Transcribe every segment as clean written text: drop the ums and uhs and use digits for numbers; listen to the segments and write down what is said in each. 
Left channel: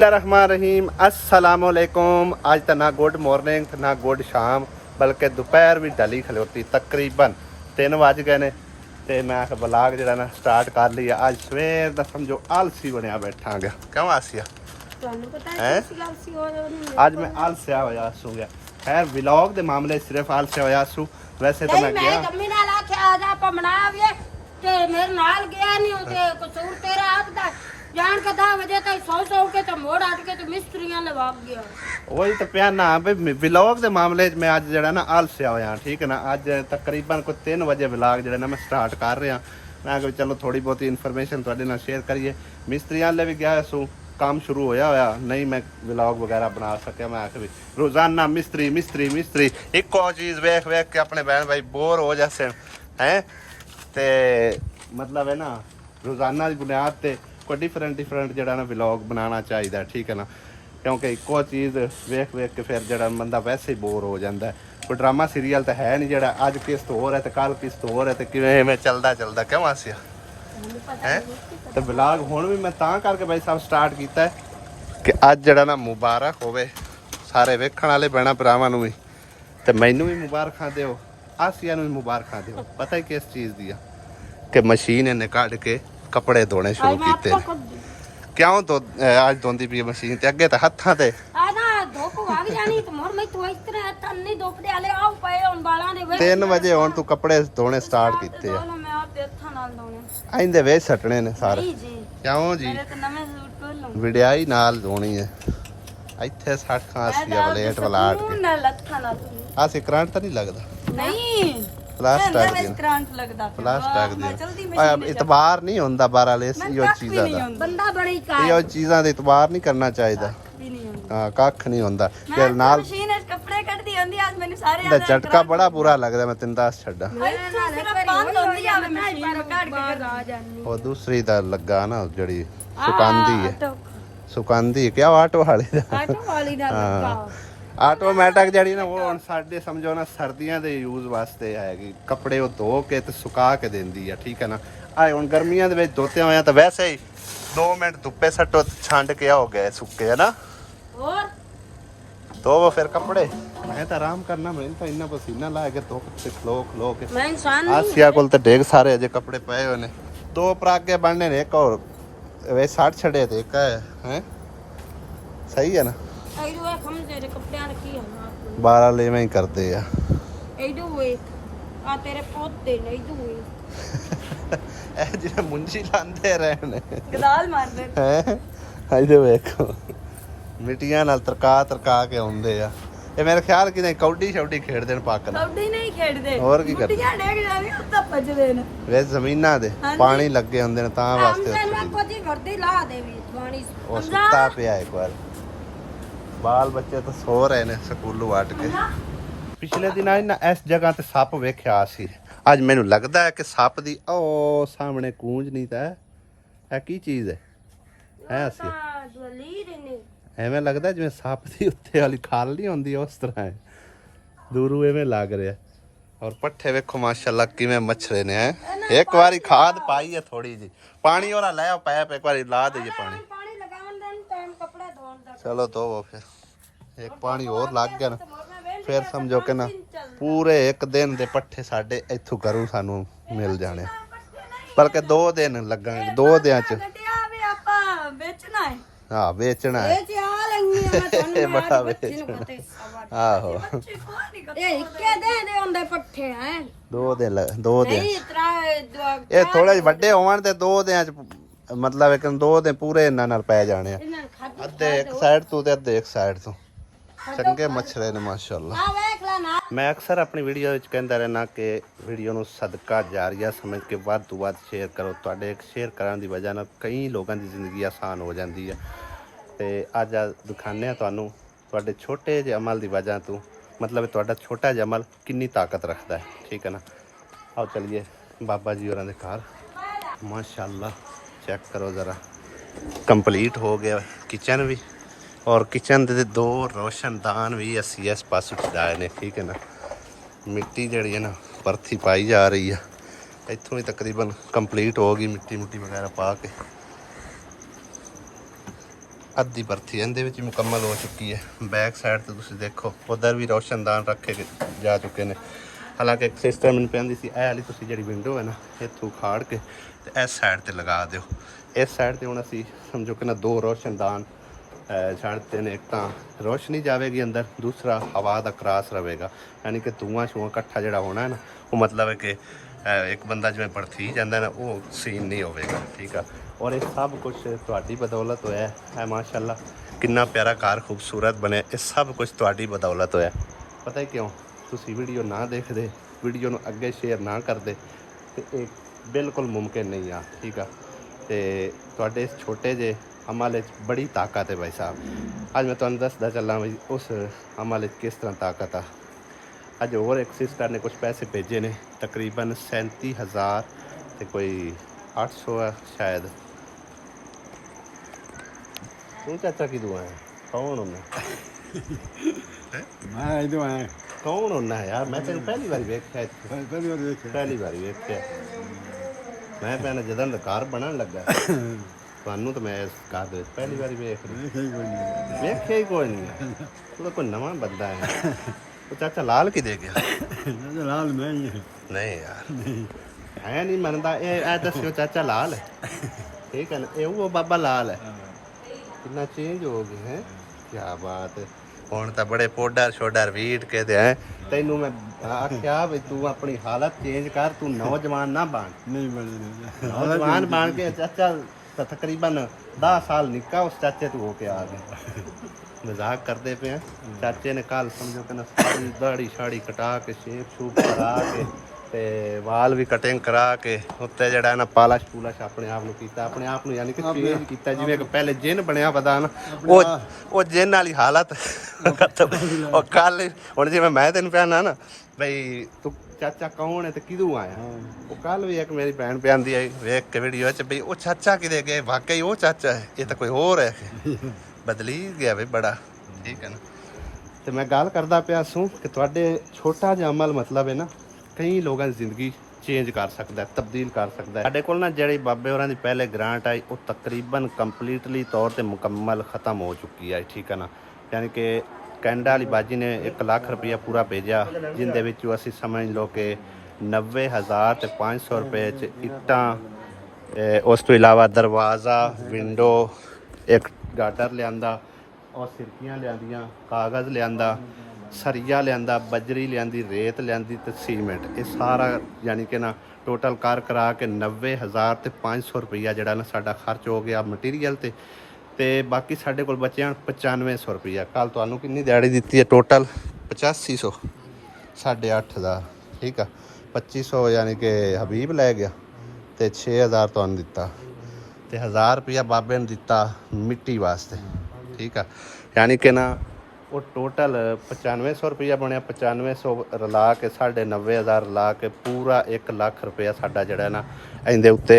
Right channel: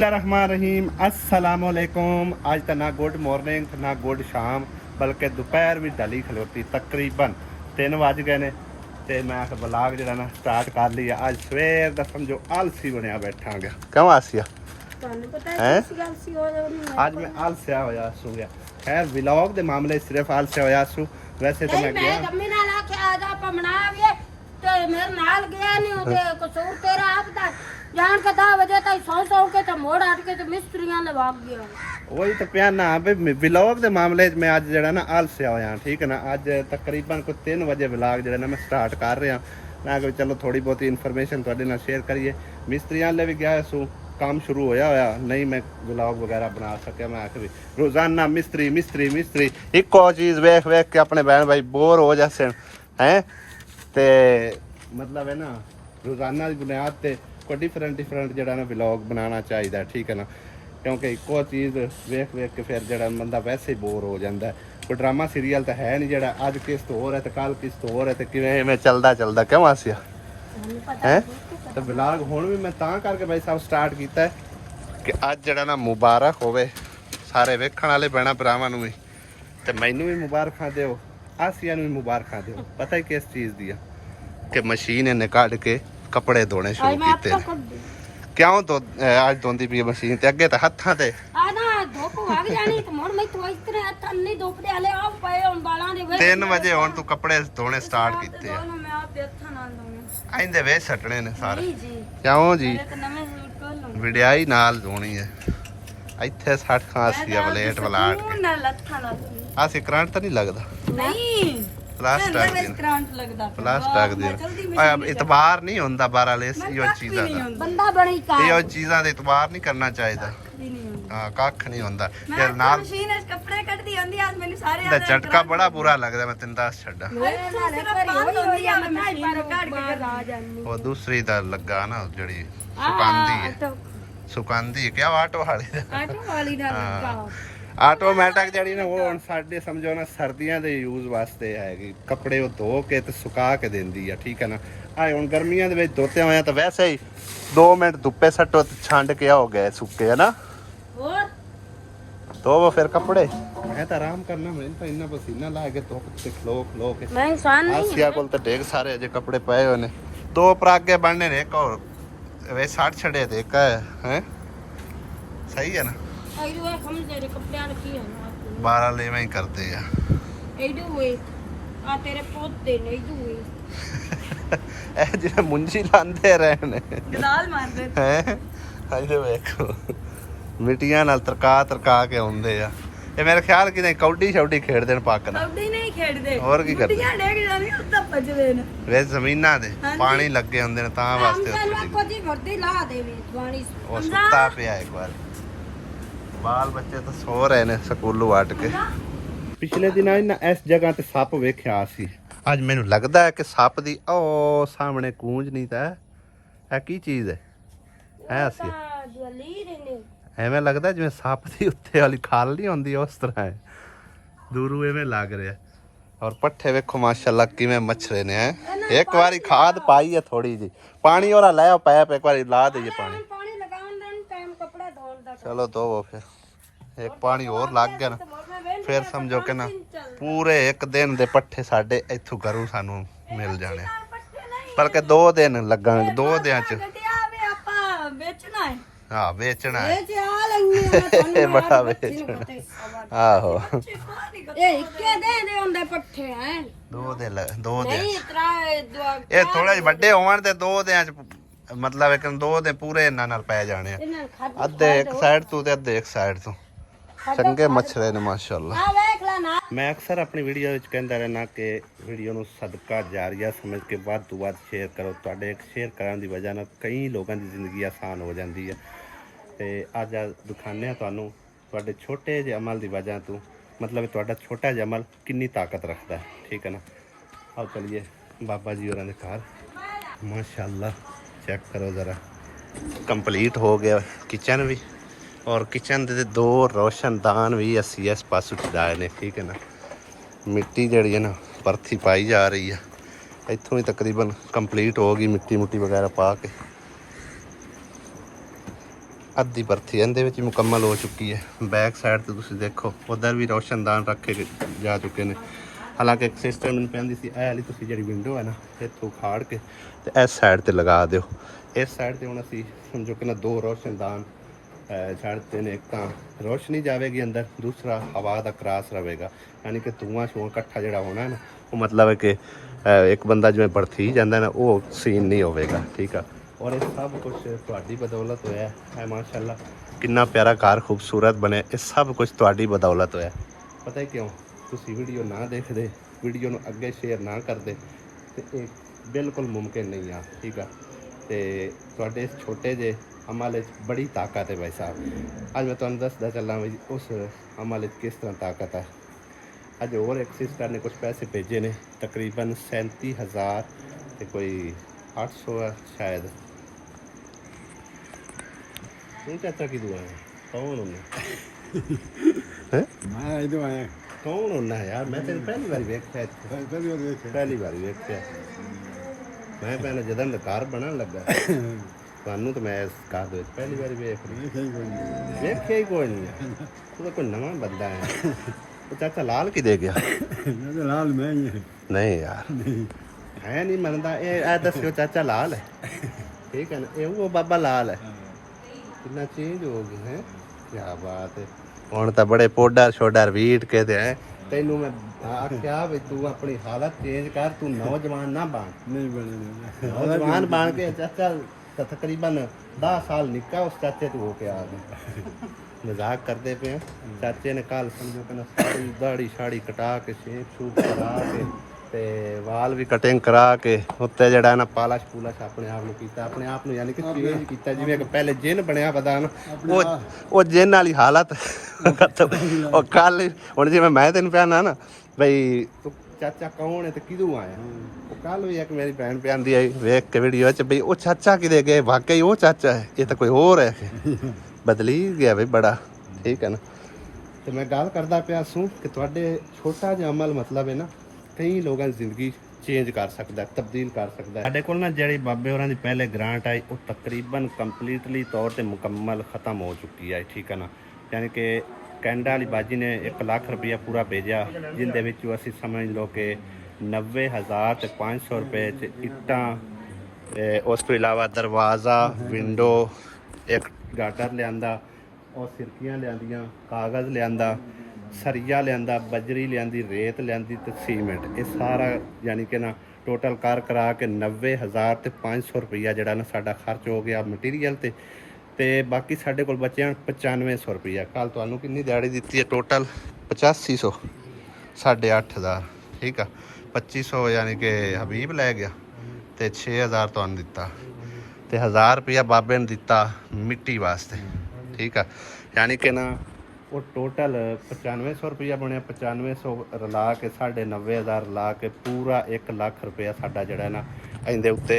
रहीम अस्सलाम वालेकुम। आज तो ना गुड मॉर्निंग ना गुड शाम बल्कि दोपहर भी ढली खलोती तकरीबन 3 बज गए ने ते मैं ब्लॉग जो ना स्टार्ट कर लिया। आज सवेर का समझो आलसी बनया बैठा गा। क्यों आसिया है आज मैं आलसिया होया सू गया। खैर व्लॉग के मामले सिर्फ आलसिया होया सू। वैसे तो मैं गया मेरे नाल गया नहीं होते कसूर तेरा आपदा जान के 10 बजे तक सौ के तो मोड़ हट के तो मिस्त्रियां ने भाग गया। वही तो प्यार ना व्लॉग के मामले में अज जरा ना आलसिया होया। ठीक है ना अज तकरीबन कोई 3 बजे व्लॉग जरा ना मैं स्टार्ट कर रहा। मैं कहा चलो थोड़ी बहुत इन्फॉर्मेशन थोड़े नाल शेयर करिए। मिस्त्रियां ले भी गया सू काम शुरू होया नहीं मैं व्लॉग वगैरह बना सकिया। मैं आके भी रोजाना मिस्त्री मिस्त्री मिस्त्री एको चीज़ वेख वेख के अपने बहन भाई बोर हो जाते हैं ते मतलब है ना रोजाना की बुनियाद ते कोई डिफरेंट जरा ना व्लॉग बनाना चाहिए। ठीक है ना क्योंकि एको चीज़ वेख वेख के फिर जरा बंदा वैसे ही बोर हो जाता है। कोई ड्रामा सीरियल तो है नहीं जरा अज किस्त हो है तो कल किस्त हो है तो किवें चलता चलता क्यों आसिया है। तो व्लॉग हुण भी मैं तां करके भाई साहब स्टार्ट किया है कि अज जरा ना मुबारक होवे सारे वेखण वाले भैणां भरावां नूं भी ते मैनूं भी मुबारखां दिओ आसिया नूं भी मुबारखां दिओ। पता ही किस चीज़ दी कि मशीन इन्हें कढ़ के कपड़े धोने शुरू किए। क्यों तो आज धोंदी पई मशीन ते अगे तो हत्थां ते आना धोप भाग जानी तो मोर मैं तो इस तरह हत्थां नहीं धोप दे आले आओ पए हुन बालां दे 3 बजे हुण तू कपड़े धोने स्टार्ट कीते आ। मैं आप दे हत्थां नाल धोने आइंदे वे सटने ने सारे जी जी क्यों जी मेरे तो नवे सूट कोल विड़ाई नाल धोनी है ਇੱਥੇ 60 ਖਾਂਸੀ ਆ ਪਲੇਟ ਵਲਾਟ ਕੇ ना लत्थां नाल ਆ ਸੇ ਕਰੰਟ ਤਾਂ ਨਹੀਂ ਲੱਗਦਾ नहीं ਪਲਾਸਟਿਕ ਦੀ करंट लगदा ਪਲਾਸਟਿਕ ਦੀ ਆ ਇਤਬਾਰ ਨਹੀਂ ਹੁੰਦਾ ਬਾਰਾਲੇ ਇਹੋ ਚੀਜ਼ਾਂ ਦਾ बंदा बड़ी का ਇਹੋ ਚੀਜ਼ਾਂ ਦੇ ਇਤਬਾਰ ਨਹੀਂ ਕਰਨਾ ਚਾਹੀਦਾ। ਹਾਂ ਕੱਖ ਨਹੀਂ ਹੁੰਦਾ ਤੇ ਨਾਲ मशीन च कपड़े कटदी होंदी आज मैंने सारे ਦਾ ਝਟਕਾ ਬੜਾ ਬੁਰਾ ਲੱਗਦਾ ਮੈਂ ਤੈਨੂੰ ਦੱਸ ਛੱਡਾ। ਉਹ ਦੂਸਰੀ ਦਾ ਲੱਗਾ ਨਾ ਜਿਹੜੀ ਸੁਕਾਂਦੀ ਹੈ ਸੁਕਾਂਦੀ ਕਿਆ ਆਟੋ ਵਾਲੀ ਦਾ ਆਟੋ ਵਾਲੀ ਨਾਲ ਲੱਗਾ ਆਟੋਮੈਟਿਕ ਜਿਹੜੀ ਨਾ ਉਹ ਹੁਣ ਸਾਡੇ ਸਮਝੋ ਨਾ ਸਰਦੀਆਂ ਦੇ ਯੂਜ਼ ਵਾਸਤੇ ਹੈਗੀ। ਕੱਪੜੇ ਉਹ ਧੋ ਕੇ ਤੇ ਸੁਕਾ ਕੇ ਦਿੰਦੀ ਆ। ਠੀਕ ਹੈ ਨਾ ਆਏ ਹੁਣ ਗਰਮੀਆਂ ਦੇ ਵਿੱਚ ਧੋਤੇ ਹੋਇਆ ਤਾਂ ਵੈਸੇ ਹੀ 2 ਮਿੰਟ ਧੁੱਪੇ ਸੱਟੋ ਤੇ ਛੰਡ ਕੇ ਹੋ ਗਏ ਸੁੱਕੇ ਹੈ ਨਾ और ਧੋਵੋ ਫਿਰ ਕੱਪੜੇ। ਮੈਂ ਤਾਂ ਆਰਾਮ ਕਰਨਾ ਮੈਨੂੰ ਤਾਂ ਇੰਨਾ ਪਸੀਨਾ ਲਾ ਕੇ ਧੁੱਪ ਤੇ ਖਲੋ ਕੇ मैं इंसान ਆਸਿਆ ਕੋਲ ਤੇ ਢੇਗ ਸਾਰੇ ਅਜੇ ਕੱਪੜੇ ਪਏ ਹੋਏ ਨੇ। 2 ਪਰਾਗੇ ਬਣਨੇ ਨੇ ਇੱਕ ਹੋਰ ਵੇ 60 ਛੜੇ ਤੇ ਇੱਕ ਹੈ ਸਹੀ ਹੈ ਨਾ एडू है हम तेरे कपड़े रखी है ना आप 12 लेवे ही करते आ एडू हुए आ तेरे पोते नहीं दू हुए ਇਹ ਜਿਹੜੇ ਮੁੰਜੀ ਲਾਂਦੇ ਰਹੇ ਨੇ गदाल मारदे ਹੈ ਇਹਦੇ ਵੇਖੋ ਮਿੱਟੀਆਂ ਨਾਲ ਤਰਕਾ ਕੇ ਆਉਂਦੇ ਆ। ਇਹ ਮੇਰੇ ਖਿਆਲ ਕਿ ਨਹੀਂ ਕੌਡੀ ਛੌਡੀ ਖੇਡਦੇ ਨੇ ਪੱਕ ਨਾਲ कबड्डी नहीं खेलदे ਹੋਰ ਕੀ ਕਰਦੇ मिट्टियां डेग जावी उत्ता भजदे ने ਵੇ ਜ਼ਮੀਨਾਂ ਦੇ ਪਾਣੀ ਲੱਗੇ ਹੁੰਦੇ ਨੇ ਤਾਂ ਵਾਸਤੇ हम ਉੱਥੇ को दी भरती ला देवी पानी ਉਹ ਸੁੱਤਾ ਪਿਆ ਇੱਕ ਵਾਰ ਬਾਲ ਬੱਚੇ ਤਾਂ ਸੋ ਰਹੇ ਨੇ ਸਕੂਲੋਂ ਆਟ ਕੇ। ਪਿਛਲੇ ਦਿਨਾਂ ਇਹਨਾਂ ਇਸ ਜਗ੍ਹਾ ਤੇ ਸੱਪ ਵੇਖਿਆ ਸੀ। ਅੱਜ ਮੈਨੂੰ ਲੱਗਦਾ ਹੈ ਕਿ ਸੱਪ ਦੀ ਉਹ ਸਾਹਮਣੇ ਕੂੰਜ ਨਹੀਂ ਤਾਂ ਇਹ ਕੀ ਚੀਜ਼ ਹੈ ਅਸੀਂ ਐਵੇਂ ਲੱਗਦਾ ਜਿਵੇਂ ਸੱਪ ਦੀ ਉੱਤੇ ਵਾਲੀ ਖਾਲ ਨਹੀਂ ਹੁੰਦੀ ਉਸ ਤਰ੍ਹਾਂ ਹੈ ਦੂਰੋਂ ਐਵੇਂ ਲੱਗ ਰਿਹਾ। ਔਰ ਪੱਠੇ ਵੇਖੋ ਮਾਸ਼ਾਅੱਲਾ ਕਿਵੇਂ ਮੱਛਰੇ ਨੇ ਹੈ। ਇੱਕ ਵਾਰੀ ਖਾਦ ਪਾਈ ਹੈ ਥੋੜੀ ਜੀ ਪਾਣੀ ਉਹਦਾ ਲੈ ਪੈਪ ਇੱਕ ਵਾਰੀ ਲਾ ਦਈਏ ਪਾਣੀ चलो तो वो फिर एक पानी और लग गया ना फिर समझो कि ना पूरे एक दिन दे पट्ठे साडे इथों घरों सानू मिल जाने बल्कि 2 दिन लगणगे 2 दिनां च बेचना है हाँ बेचना है बेच आ लेंगे बड़ा बेचना आहो ये इक्के दे होंदे पट्ठे हैं 2 दिन नहीं इतना ये थोड़े ਵੱਡੇ ਹੋਵਣ ਤੇ 2 ਦਿਨਾਂ ਚ मतलब एक 2 दिन पूरे इन्हां नाल पै जाने अद्धे एक साइड तो ते अद्धे एक साइड तो चंगे मच्छरे ने माशाअल्लाह। मैं अक्सर अपनी वीडियो विच कहंदा रहना कि वीडियो नूं सदका जारिया समझ के वध तो वध शेयर करो। तुहाडे एक शेयर करन दी वजह नाल कई लोगों की जिंदगी आसान हो जाती है। तो अज दिखाने तुहानूं तुहाडे छोटे जे अमल की वजह तो मतलब तुहाडा छोटा जिहा अमल कितनी ताकत रखता है। ठीक है ना आओ चलिए बाबा जी होरां दे घर माशाअल्लाह चेक करो ज़रा कंप्लीट हो गया किचन भी और किचन के 2 रोशनदान भी असी इस पास चढ़ाए ने। ठीक है ना मिट्टी जी है ना परथी पाई जा रही है इतों ही तकरीबन कंप्लीट हो गई मिट्टी मुट्टी वगैरह पा के। ਅੱਧੀ ਭਰਤੀ ਇਹਦੇ ਵਿੱਚ ਹੀ ਮੁਕੰਮਲ ਹੋ ਚੁੱਕੀ ਹੈ। ਬੈਕ ਸਾਈਡ ਤੇ ਤੁਸੀਂ ਦੇਖੋ ਉਧਰ ਵੀ ਰੋਸ਼ਨਦਾਨ ਰੱਖੇ ਜਾ ਚੁੱਕੇ ਨੇ। ਹਾਲਾਂਕਿ ਇੱਕ ਸਿਸਟਮ ਮੈਨੂੰ ਪੈਂਦੀ ਸੀ, ਇਹ ਵਾਲੀ ਤੁਸੀਂ ਜਿਹੜੀ ਵਿੰਡੋ ਹੈ ਨਾ ਇੱਥੋਂ ਖਾੜ ਕੇ ਤੇ ਇਸ ਸਾਈਡ ਤੇ ਲਗਾ ਦਿਓ। ਇਸ ਸਾਈਡ ਤੇ ਹੁਣ ਅਸੀਂ ਸਮਝੋ ਕਿ ਨਾ 2 ਰੋਸ਼ਨਦਾਨ ਛੱਡਦੇ ਨੇ। ਇੱਕ ਤਾਂ ਰੋਸ਼ਨੀ ਜਾਵੇਗੀ ਅੰਦਰ, ਦੂਸਰਾ ਹਵਾ ਦਾ ਕਰਾਸ ਰਹੇਗਾ, ਯਾਨੀ ਕਿ ਧੂਆਂ ਸ਼ੂਆਂ ਇਕੱਠਾ ਜਿਹੜਾ ਹੋਣਾ ਹੈ ਨਾ, ਉਹ ਮਤਲਬ ਹੈ ਕਿ ਇੱਕ ਬੰਦਾ ਜਿਵੇਂ ਭੜਥੀ ਜਾਂਦਾ ਨਾ ਉਹ ਸੀਨ ਨਹੀਂ ਹੋਵੇਗਾ, ਠੀਕ ਆ। ਔਰ ਇਹ ਸਭ ਕੁਝ ਤੁਹਾਡੀ ਬਦੌਲਤ ਹੋਇਆ ਹੈ। ਮਾਸ਼ਾਅੱਲਾ ਕਿੰਨਾ ਪਿਆਰਾ ਘਰ ਖੂਬਸੂਰਤ ਬਣਿਆ, ਇਹ ਸਭ ਕੁਝ ਤੁਹਾਡੀ ਬਦੌਲਤ ਹੋਇਆ। ਪਤਾ ਹੀ ਕਿਉਂ? ਤੁਸੀਂ ਵੀਡੀਓ ਨਾ ਦੇਖਦੇ, ਵੀਡੀਓ ਨੂੰ ਅੱਗੇ ਸ਼ੇਅਰ ਨਾ ਕਰਦੇ ਤੇ ਇਹ ਬਿਲਕੁਲ ਮੁਮਕਿਨ ਨਹੀਂ ਆ, ਠੀਕ ਆ। ਤੇ ਤੁਹਾਡੇ ਇਸ ਛੋਟੇ ਜਿਹੇ ਅਮਲ ਵਿੱਚ ਬੜੀ ਤਾਕਤ ਹੈ ਭਾਈ ਸਾਹਿਬ। ਅੱਜ ਮੈਂ ਤੁਹਾਨੂੰ ਦੱਸਦਾ ਚੱਲਾਂ ਵੀ ਉਸ ਅਮਲ ਵਿੱਚ ਕਿਸ ਤਰ੍ਹਾਂ ਤਾਕਤ ਆ। ਅੱਜ ਹੋਰ ਇੱਕ ਸਿਸਟਰ ਨੇ ਕੁਝ ਪੈਸੇ ਭੇਜੇ ਨੇ, ਤਕਰੀਬਨ 37,000 ਤੇ ਕੋਈ 800 ਆ ਸ਼ਾਇਦ। ਤੂੰ ਚਾਚਾ ਕੀ ਦੁਆ ਹੈ? ਕੌਣ ਹੁੰਦਾ ਹੈ? ਮੈਂ ਇਹਦੇ ਆਇਆ ਕੌਣ ਹੁੰਦਾ ਹੈ ਯਾਰ? ਮੈਂ ਤੈਨੂੰ ਪਹਿਲੀ ਵਾਰੀ ਵੇਖਿਆ ਇੱਥੇ, ਪਹਿਲੀ ਵਾਰ ਵੇਖਿਆ। ਪਹਿਲੀ ਵਾਰੀ ਵੇਖਿਆ। ਮੈਂ ਭੈਣ ਜਦੋਂ ਦਾ ਘਰ ਬਣਨ ਲੱਗਾ ਤੁਹਾਨੂੰ ਤਾਂ ਮੈਂ ਇਸ ਘਰ ਦੇ ਵਿੱਚ ਪਹਿਲੀ ਵਾਰੀ ਵੇਖ ਰਿਹਾ। ਵੇਖਿਆ ਹੀ ਕੋਈ ਨਹੀਂ। ਤੂੰ ਤਾਂ ਕੋਈ ਨਵਾਂ ਬੰਦਾ ਹੈ। ਉਹ ਚਾਚਾ ਲਾਲ ਕੀ ਦੇ ਗਿਆ? ਇਹਦੇ ਨਾਲ ਮੈਂ ਹੀ ਹਾਂ। ਨਹੀਂ ਯਾਰ ਹੈ ਨਹੀਂ ਮੰਨਦਾ। ਇਹ ਦੱਸਿਓ ਚਾਚਾ ਲਾਲ ਹੈ, ਠੀਕ ਹੈ ਨਾ? ਇਹ ਉਹ ਬਾਬਾ ਲਾਲ ਹੈ। ਕਿੰਨਾ ਚੇਂਜ ਹੋ ਗਿਆ ਹੈ, ਕੀ ਬਾਤ ਹੈ। ਹੁਣ ਤਾਂ ਬੜੇ ਪੋਡਰ ਸ਼ੋਡਰ ਵੀਟ ਕੇ ਤੇ ਹੈ। ਤੈਨੂੰ ਮੈਂ ਆਖਿਆ ਵੀ ਤੂੰ ਆਪਣੀ ਹਾਲਤ ਚੇਂਜ ਕਰ, ਤੂੰ ਨੌਜਵਾਨ ਨਾ ਬਣ। ਨਹੀਂ ਬਣੀ ਨਹੀਂ ਨੌਜਵਾਨ ਬਣ ਕੇ ਚਾਚਾ ਤਾਂ ਤਕਰੀਬਨ 10 ਸਾਲ ਨਿੱਕਾ ਉਸ ਚਾਚੇ ਤੋਂ ਹੋ ਕੇ ਆ ਗਿਆ। ਮਜ਼ਾਕ ਕਰਦੇ ਪਏ ਆ। ਚਾਚੇ ਨੇ ਕੱਲ ਸਮਝੋ ਕਿ ਨਾ ਸਾਰੀ ਦਾੜੀ ਸ਼ਾੜੀ ਕਟਾ ਕੇ ਸ਼ੇਪ ਸ਼ੂਪ ਕਰਾ ਕੇ ਤੇ ਵਾਲ ਵੀ ਕਟਿੰਗ ਕਰਾ ਕੇ ਉੱਤੇ ਜਿਹੜਾ ਨਾ ਪਾਲਸ਼ ਪੂਲਸ਼ ਆਪਣੇ ਆਪ ਨੂੰ ਕੀਤਾ, ਆਪਣੇ ਆਪ ਨੂੰ ਯਾਨੀ ਕਿ ਚੇਂਜ ਕੀਤਾ, ਜਿਵੇਂ ਕਿ ਪਹਿਲੇ ਜਿੰਨ ਬਣਿਆ ਪਤਾ ਨਾ ਉਹ ਜਿੰਨ ਵਾਲੀ ਹਾਲਤ। ਉਹ ਕੱਲ ਹੁਣ ਜਿਵੇਂ ਮੈਂ ਤੈਨੂੰ ਪਿਆਣਾ ਨਾ ਬਈ ਤੂੰ ਚਾਚਾ ਕੌਣ ਹੈ ਤੇ ਕਿਦੋਂ ਆਇਆ, ਉਹ ਕੱਲ ਵੀ ਇੱਕ ਮੇਰੀ ਭੈਣ ਪਿਆਂਦੀ ਆਈ ਵੇਖ ਕੇ ਵੀਡੀਓ 'ਚ ਬਈ ਉਹ ਚਾਚਾ ਕਿਦੇ ਗਏ, ਵਾਕਈ ਉਹ ਚਾਚਾ ਹੈ, ਇਹ ਤਾਂ ਕੋਈ ਹੋਰ ਹੈ। ਬਦਲੀ ਗਿਆ ਬਈ ਬੜਾ, ਠੀਕ ਹੈ ਨਾ। ਤੇ ਮੈਂ ਗੱਲ ਕਰਦਾ ਪਿਆ ਸੂ ਕਿ ਤੁਹਾਡੇ ਛੋਟਾ ਜਿਹਾ ਅਮਲ ਮਤਲਬ ਹੈ ਨਾ ਕਈ ਲੋਕਾਂ ਦੀ ਜ਼ਿੰਦਗੀ ਚੇਂਜ ਕਰ ਸਕਦਾ, ਤਬਦੀਲ ਕਰ ਸਕਦਾ। ਸਾਡੇ ਕੋਲ ਨਾ ਜਿਹੜੀ ਬਾਬੇ ਹੋਰਾਂ ਦੀ ਪਹਿਲੇ ਗ੍ਰਾਂਟ ਆਈ ਉਹ ਤਕਰੀਬਨ ਕੰਪਲੀਟਲੀ ਤੌਰ ਤੇ ਮੁਕੰਮਲ ਖਤਮ ਹੋ ਚੁੱਕੀ ਹੈ, ਠੀਕ ਹੈ ਨਾ। ਯਾਨੀ ਕਿ ਕੈਨੇਡਾ ਵਾਲੀ ਬਾਜੀ ਨੇ 1 ਲੱਖ ਰੁਪਇਆ ਪੂਰਾ ਭੇਜਿਆ, ਜਿੰਦੇ ਵਿੱਚੋਂ ਅਸੀਂ ਸਮਝ ਲਓ ਕਿ 90,000 ਤੇ 500 ਰੁਪਏ 'ਚ ਇੱਟਾਂ, ਉਸ ਤੋਂ ਇਲਾਵਾ ਦਰਵਾਜ਼ਾ, ਵਿੰਡੋ, ਇੱਕ ਗਾਟਰ ਲਿਆਂਦਾ ਔਰ ਸਿਰਕੀਆਂ ਲਿਆਂਦੀਆਂ, ਕਾਗਜ਼ ਲਿਆਂਦਾ, ਸਰੀਆ ਲਿਆਂਦਾ, ਬਜਰੀ ਲਿਆਂਦੀ, ਰੇਤ ਲਿਆਂਦੀ ਤੇ ਸੀਮੈਂਟ। ਇਹ ਸਾਰਾ ਯਾਨੀ ਕਿ ਨਾ ਟੋਟਲ ਕਰ ਕਰਾ ਕੇ 90,000 ਤੇ 500 ਰੁਪਈਆ ਜਿਹੜਾ ਨਾ ਸਾਡਾ ਖਰਚ ਹੋ ਗਿਆ ਮਟੀਰੀਅਲ ਤੇ ਬਾਕੀ ਸਾਡੇ ਕੋਲ ਬਚਿਆ 9500 ਰੁਪਈਆ। ਕੱਲ ਤੁਹਾਨੂੰ ਕਿੰਨੀ ਦਿਹਾੜੀ ਦਿੱਤੀ ਹੈ? ਟੋਟਲ 8500, 8,500, ਠੀਕ ਆ। 2500 ਯਾਨੀ ਕਿ ਹਬੀਬ ਲੈ ਗਿਆ ਤੇ 6000 ਤੁਹਾਨੂੰ ਦਿੱਤਾ ਤੇ 1000 ਰੁਪਈਆ ਬਾਬੇ ਨੇ ਦਿੱਤਾ ਮਿੱਟੀ ਵਾਸਤੇ, ਠੀਕ ਆ। ਯਾਨੀ ਕਿ ਨਾ ਉਹ ਟੋਟਲ 9500 ਰੁਪਈਆ ਬਣਿਆ। 9500 ਰਲਾ ਕੇ 90,500 ਰਲਾ ਕੇ ਪੂਰਾ 1 ਲੱਖ ਰੁਪਈਆ ਸਾਡਾ ਜਿਹੜਾ ਨਾ ਇਹਦੇ ਉੱਤੇ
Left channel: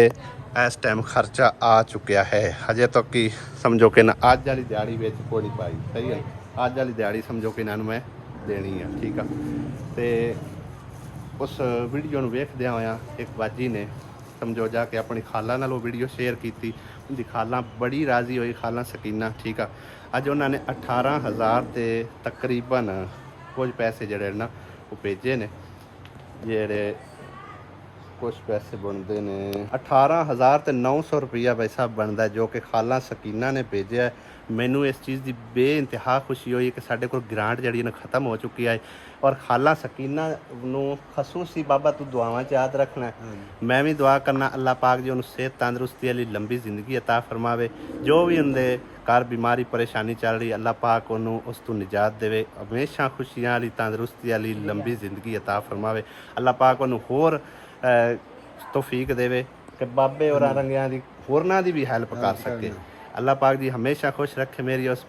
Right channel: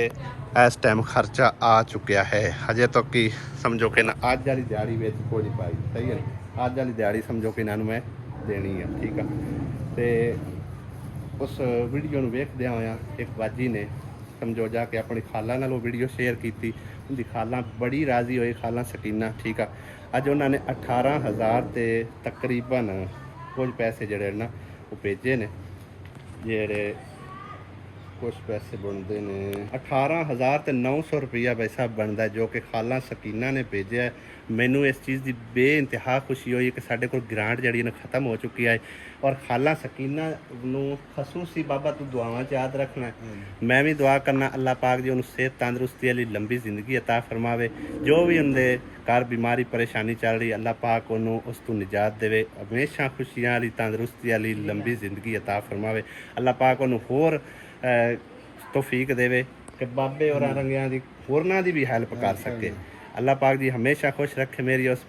ਇਸ ਟਾਈਮ ਖਰਚਾ ਆ ਚੁੱਕਿਆ ਹੈ। ਹਜੇ ਤੱਕ ਕੀ ਸਮਝੋ ਕਿ ਨਾ ਅੱਜ ਵਾਲੀ ਦਿਹਾੜੀ ਵਿੱਚ ਕੋਈ ਨਹੀਂ ਪਾਈ, ਸਹੀ ਹੈ ਨਾ। ਅੱਜ ਵਾਲੀ ਦਿਹਾੜੀ ਸਮਝੋ ਕਿ ਇਹਨਾਂ ਨੂੰ ਮੈਂ ਦੇਣੀ ਆ, ਠੀਕ ਆ। ਤੇ ਉਸ ਵੀਡੀਓ ਨੂੰ ਵੇਖਦਿਆਂ ਹੋਇਆਂ ਇੱਕ ਬਾਜੀ ਨੇ ਸਮਝੋ ਜਾ ਕੇ ਆਪਣੀ ਖਾਲਾ ਨਾਲ ਉਹ ਵੀਡੀਓ ਸ਼ੇਅਰ ਕੀਤੀ। ਉਹਦੀ ਖਾਲਾ ਬੜੀ ਰਾਜ਼ੀ ਹੋਈ, ਖਾਲਾ ਸਕੀਨਾ, ਠੀਕ ਆ। ਅੱਜ ਉਹਨਾਂ ਨੇ 18,000 ਤੇ ਤਕਰੀਬਨ ਕੁਝ ਪੈਸੇ ਜਿਹੜੇ ਨਾ ਉਹ ਭੇਜੇ ਨੇ, ਜਿਹੜੇ ਕੁਝ ਪੈਸੇ ਬਣਦੇ ਨੇ 18,000 ਤੇ 900 ਰੁਪਈਆ ਪੈਸਾ ਬਣਦਾ, ਜੋ ਕਿ ਖਾਲਾ ਸਕੀਨਾ ਨੇ ਭੇਜਿਆ। ਮੈਨੂੰ ਇਸ ਚੀਜ਼ ਦੀ ਬੇਇੰਤਹਾ ਖੁਸ਼ੀ ਹੋਈ ਕਿ ਸਾਡੇ ਕੋਲ ਗ੍ਰਾਂਟ ਜਿਹੜੀ ਨਾ ਖਤਮ ਹੋ ਚੁੱਕੀ ਹੈ ਔਰ ਖਾਲਾ ਸਕੀਨਾ ਨੂੰ ਖਸੂਸੀ ਬਾਬਾ ਤੂੰ ਦੁਆਵਾਂ 'ਚ ਯਾਦ ਰੱਖਣਾ। ਮੈਂ ਵੀ ਦੁਆ ਕਰਨਾ ਅੱਲਾਹ ਪਾਕ ਜੀ ਉਹਨੂੰ ਸਿਹਤ ਤੰਦਰੁਸਤੀ ਵਾਲੀ ਲੰਬੀ ਜ਼ਿੰਦਗੀ ਅਤਾ ਫਰਮਾਵੇ। ਜੋ ਵੀ ਉਹਦੇ ਘਰ ਬਿਮਾਰੀ ਪਰੇਸ਼ਾਨੀ ਚੱਲ ਰਹੀ, ਅੱਲਾਹ ਪਾਕ ਉਹਨੂੰ ਉਸ ਤੋਂ ਨਿਜਾਤ ਦੇਵੇ। ਹਮੇਸ਼ਾ ਖੁਸ਼ੀਆਂ ਵਾਲੀ ਤੰਦਰੁਸਤੀ ਵਾਲੀ ਲੰਬੀ ਜ਼ਿੰਦਗੀ ਅਤਾ ਫਰਮਾਵੇ। ਅੱਲਾਹ ਪਾਕ ਉਹਨੂੰ ਹੋਰ ਤੌਫੀਕ ਦੇਵੇ ਕਿ ਬਾਬੇ ਹੋਰਾਂ ਰੰਗਿਆਂ ਦੀ ਹੋਰਨਾਂ ਦੀ ਵੀ ਹੈਲਪ ਕਰ ਸਕੇ। ਅੱਲਾਹ ਪਾਕ ਜੀ ਹਮੇਸ਼ਾ ਖੁਸ਼ ਰੱਖੇ ਮੇਰੀ ਉਸ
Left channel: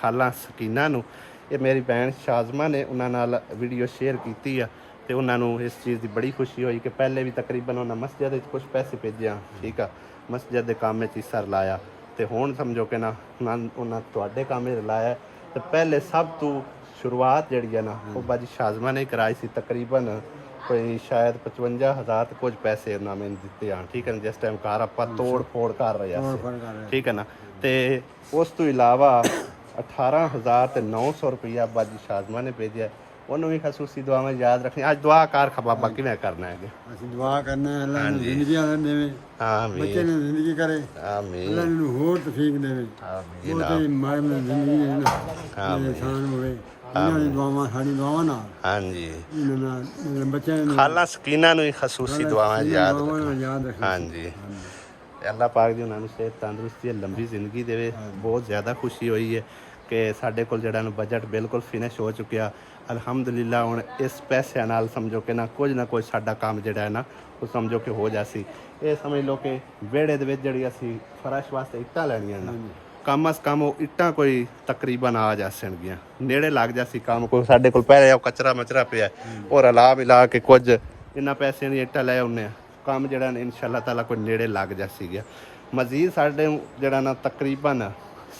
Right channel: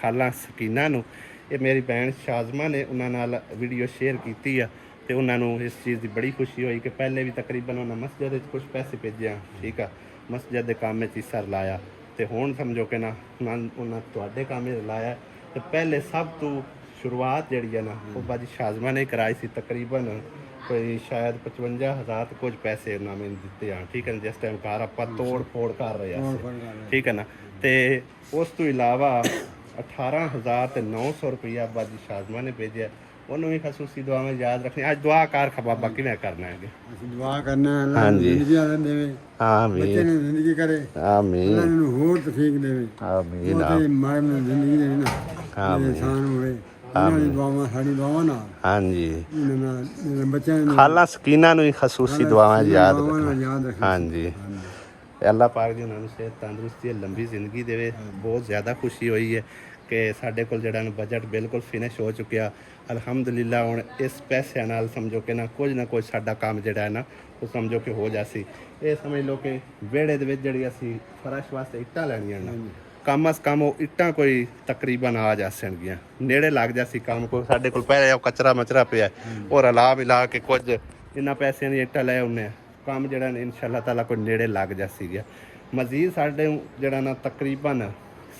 ਖਾਲਾ ਸਕੀਨਾ ਨੂੰ। ਇਹ ਮੇਰੀ ਭੈਣ ਸ਼ਾਜ਼ਮਾ ਨੇ ਉਹਨਾਂ ਨਾਲ ਵੀਡੀਓ ਸ਼ੇਅਰ ਕੀਤੀ ਆ ਤੇ ਉਹਨਾਂ ਨੂੰ ਇਸ ਚੀਜ਼ ਦੀ ਬੜੀ ਖੁਸ਼ੀ ਹੋਈ ਕਿ ਪਹਿਲੇ ਵੀ ਤਕਰੀਬਨ ਉਹਨਾਂ ਮਸਜਿਦ ਵਿੱਚ ਕੁਝ ਪੈਸੇ ਭੇਜਿਆ, ਠੀਕ ਆ। ਮਸਜਿਦ ਦੇ ਕੰਮ ਵਿੱਚ ਹਿੱਸਾ ਲਾਇਆ ਤੇ ਹੁਣ ਸਮਝੋ ਕਿ ਨਾ ਉਹਨਾਂ ਤੁਹਾਡੇ ਕੰਮ ਵਿੱਚ ਲਾਇਆ। ਤੇ ਪਹਿਲੇ ਸਭ ਤੋਂ ਸ਼ੁਰੂਆਤ ਜਿਹੜੀ ਹੈ ਨਾ ਉਹ ਬਾਜੀ ਸ਼ਾਜ਼ਮਾ ਨੇ ਕਰਾਈ ਸੀ। ਤਕਰੀਬਨ ਕੋਈ ਸ਼ਾਇਦ 55,000 ਤੇ ਕੁਝ ਪੈਸੇ ਉਹਨਾਂ ਮੈਨੂੰ ਦਿੱਤੇ ਆ, ਠੀਕ ਹੈ ਨਾ। ਜਿਸ ਟਾਈਮ ਘਰ ਆਪਾਂ ਤੋੜ ਫੋੜ ਕਰ ਰਹੇ ਸੀ, ਠੀਕ ਹੈ ਨਾ। ਤੇ ਉਸ ਤੋਂ ਇਲਾਵਾ 18,900 ਰੁਪਇਆ ਬਾਜੀ ਸ਼ਾਜ਼ਮਾ ਨੇ ਭੇਜਿਆ, ਉਹਨੂੰ ਵੀ ਖਸੂਸੀ ਦੁਆਵਾਂ ਯਾਦ ਰੱਖਣੀ। ਅੱਜ ਦੁਆ ਕਰ ਖਬਾਬਾ ਕਿਵੇਂ ਕਰਨਾ ਹੈ? ਅਸੀਂ ਦੁਆ ਕਰਨੇ ਆ ਅੱਲਾਹ ਨੂੰ ਹਾਂਜੀ। ਜ਼ਿੰਦਗੀ ਆਲੇ ਦੇਵੇ, ਬੱਚੇ ਆਮੀਨ ਨੂੰ ਜ਼ਿੰਦਗੀ ਕਰੇ, ਅੱਲਾਹ ਆਮੀਨ ਨੂੰ ਹੋਰ ਤੌਫੀਕ ਦੇਵੇ। ਆਮੀਨ ਉਹ ਤੇ ਮਾਰੇ ਨੂੰ ਜ਼ਿੰਦਗੀ ਦੇ ਨਾ ਆਮੀਨ। ਇਨਸਾਨ ਹੋਵੇ, ਇਹਨਾਂ ਦੀ ਦੁਆਵਾਂ ਸਾਡੀ ਦੁਆਵਾਂ ਨਾਲ ਹਾਂਜੀ ਇਹਨਾਂ ਨਾਲ ਬੱਚਿਆਂ ਨੂੰ ਖਾਲਾ ਸਕੀਨਾ ਨੂੰ ਹੀ ਖਸੂਸੀ ਦੁਆਵਾਂ ਯਾਦ ਦੁਆਵਾਂ ਨਾਲ ਰੱਖਣਾ। ਯਾਦ ਰੱਖਣਾ। ਹਾਂਜੀ ਤੇ ਅੱਲਾਹ ਪਾਕ ਜੀ ਉਹਨਾਂ ਨੂੰ ਸਿਹਤ ਤੰਦਰੁਸਤੀ ਤੇ ਲੰਬੀ ਜ਼ਿੰਦਗੀ ਦੇਵੇ। ਬਹੁਤ ਜ਼ਿਆਦਾ ਖੁਸ਼ੀ ਹੋਈ ਹੈ ਕਿ ਸਾਡੇ ਕੋਲ ਜਿਹੜਾ ਨਾ ਬਜਟ ਬਿਲਕੁਲ ਫਿਨਿਸ਼ ਹੋ ਚੁੱਕਿਆ। ਅਲਹਮਦੁਲਿਲਾ ਹੁਣ ਇਸ ਪੈਸਿਆਂ ਨਾਲ ਸਮਝੋ ਕਿ ਨਾ ਕੁਝ ਨਾ ਕੁਝ ਸਾਡਾ ਕੰਮ ਜਿਹੜਾ ਹੈ ਨਾ ਉਹ ਸਮਝੋ ਕਿ ਹੋ ਜਾਸੀ। ਇਹ ਸਮਝ ਲਓ ਕਿ ਵਿਹੜੇ ਦੇ ਵਿੱਚ ਜਿਹੜੀ ਅਸੀਂ ਫਰਸ਼ ਵਾਸਤੇ ਇੱਟਾਂ ਲੈਣੀਆਂ ਨਾ, ਕਮ ਅਸ ਕਮ ਉਹ ਇੱਟਾਂ ਕੋਈ ਤਕਰੀਬਨ ਆ ਜਾਸਣਗੀਆਂ, ਨੇੜੇ ਲੱਗ ਜਾਸੀ ਕੰਮ। ਕੋਈ ਸਾਡੇ ਕੋਲ ਪਹਿਲੇ ਉਹ ਕਚਰਾ ਮਚਰਾ ਪਿਆ ਔਰ ਅਲਾ ਮਿਲਾ ਕੇ ਕੁਝ ਇਹਨਾਂ ਪੈਸਿਆਂ ਦੀ ਇੱਟਾਂ ਲੈ ਆਉਂਦੇ ਆ, ਕੰਮ ਜਿਹੜਾ ਨੇ ਇਨਸ਼ਾ ਅੱਲਾਹ ਤਾਲਾ ਕੋਈ ਨੇੜੇ ਲੱਗ ਜਾਸੀ ਗਿਆ। ਮਜ਼ੀਦ ਸਾਡੇ ਜਿਹੜਾ ਨਾ ਤਕਰੀਬਨ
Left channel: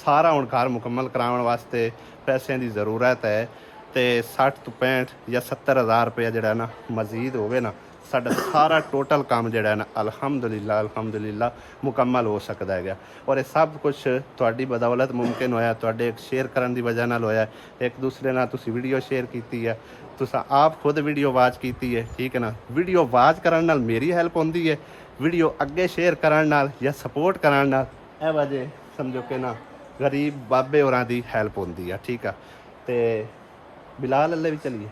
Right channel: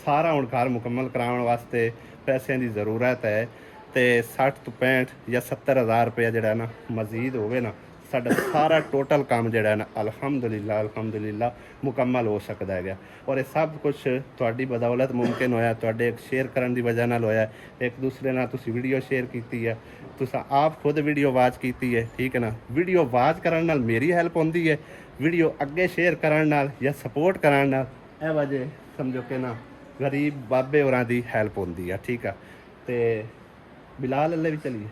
ਸਾਰਾ ਹੁਣ ਘਰ ਮੁਕੰਮਲ ਕਰਾਉਣ ਵਾਸਤੇ ਪੈਸਿਆਂ ਦੀ ਜ਼ਰੂਰਤ ਹੈ ਤੇ 60 ਤੋਂ 65 ਜਾਂ 70,000 ਰੁਪਇਆ ਜਿਹੜਾ ਨਾ ਮਜ਼ੀਦ ਹੋਵੇ ਨਾ, ਸਾਡਾ ਸਾਰਾ ਟੋਟਲ ਕੰਮ ਜਿਹੜਾ ਨਾ ਅਲਹਮਦੁਲਿਲਾ ਮੁਕੰਮਲ ਹੋ ਸਕਦਾ ਹੈਗਾ। ਔਰ ਇਹ ਸਭ ਕੁਝ ਤੁਹਾਡੀ ਬਦੌਲਤ ਮੁਮਕਿਨ ਹੋਇਆ, ਤੁਹਾਡੇ ਸ਼ੇਅਰ ਕਰਨ ਦੀ ਵਜ੍ਹਾ ਨਾਲ ਹੋਇਆ। ਇੱਕ ਦੂਸਰੇ ਨਾਲ ਤੁਸੀਂ ਵੀਡੀਓ ਸ਼ੇਅਰ ਕੀਤੀ ਹੈ, ਤੁਸੀਂ ਆਪ ਖੁਦ ਵੀਡੀਓ ਵਾਚ ਕੀਤੀ ਹੈ, ਠੀਕ ਹੈ ਨਾ। ਵੀਡੀਓ ਵਾਚ ਕਰਨ ਨਾਲ ਮੇਰੀ ਹੈਲਪ ਹੁੰਦੀ ਹੈ, ਵੀਡੀਓ ਅੱਗੇ ਸ਼ੇਅਰ ਕਰਨ ਨਾਲ ਜਾਂ ਸਪੋਰਟ ਕਰਨ ਨਾਲ ਇਹ ਵਜ੍ਹਾ ਸਮਝੋ ਕਿ ਨਾ ਗਰੀਬ ਬਾਬੇ ਹੋਰਾਂ ਦੀ ਹੈਲਪ ਹੁੰਦੀ ਆ, ਠੀਕ ਆ। ਤੇ ਬਿਲਾਲ ਅੱਲੇ ਵੀ ਚਲੀਏ,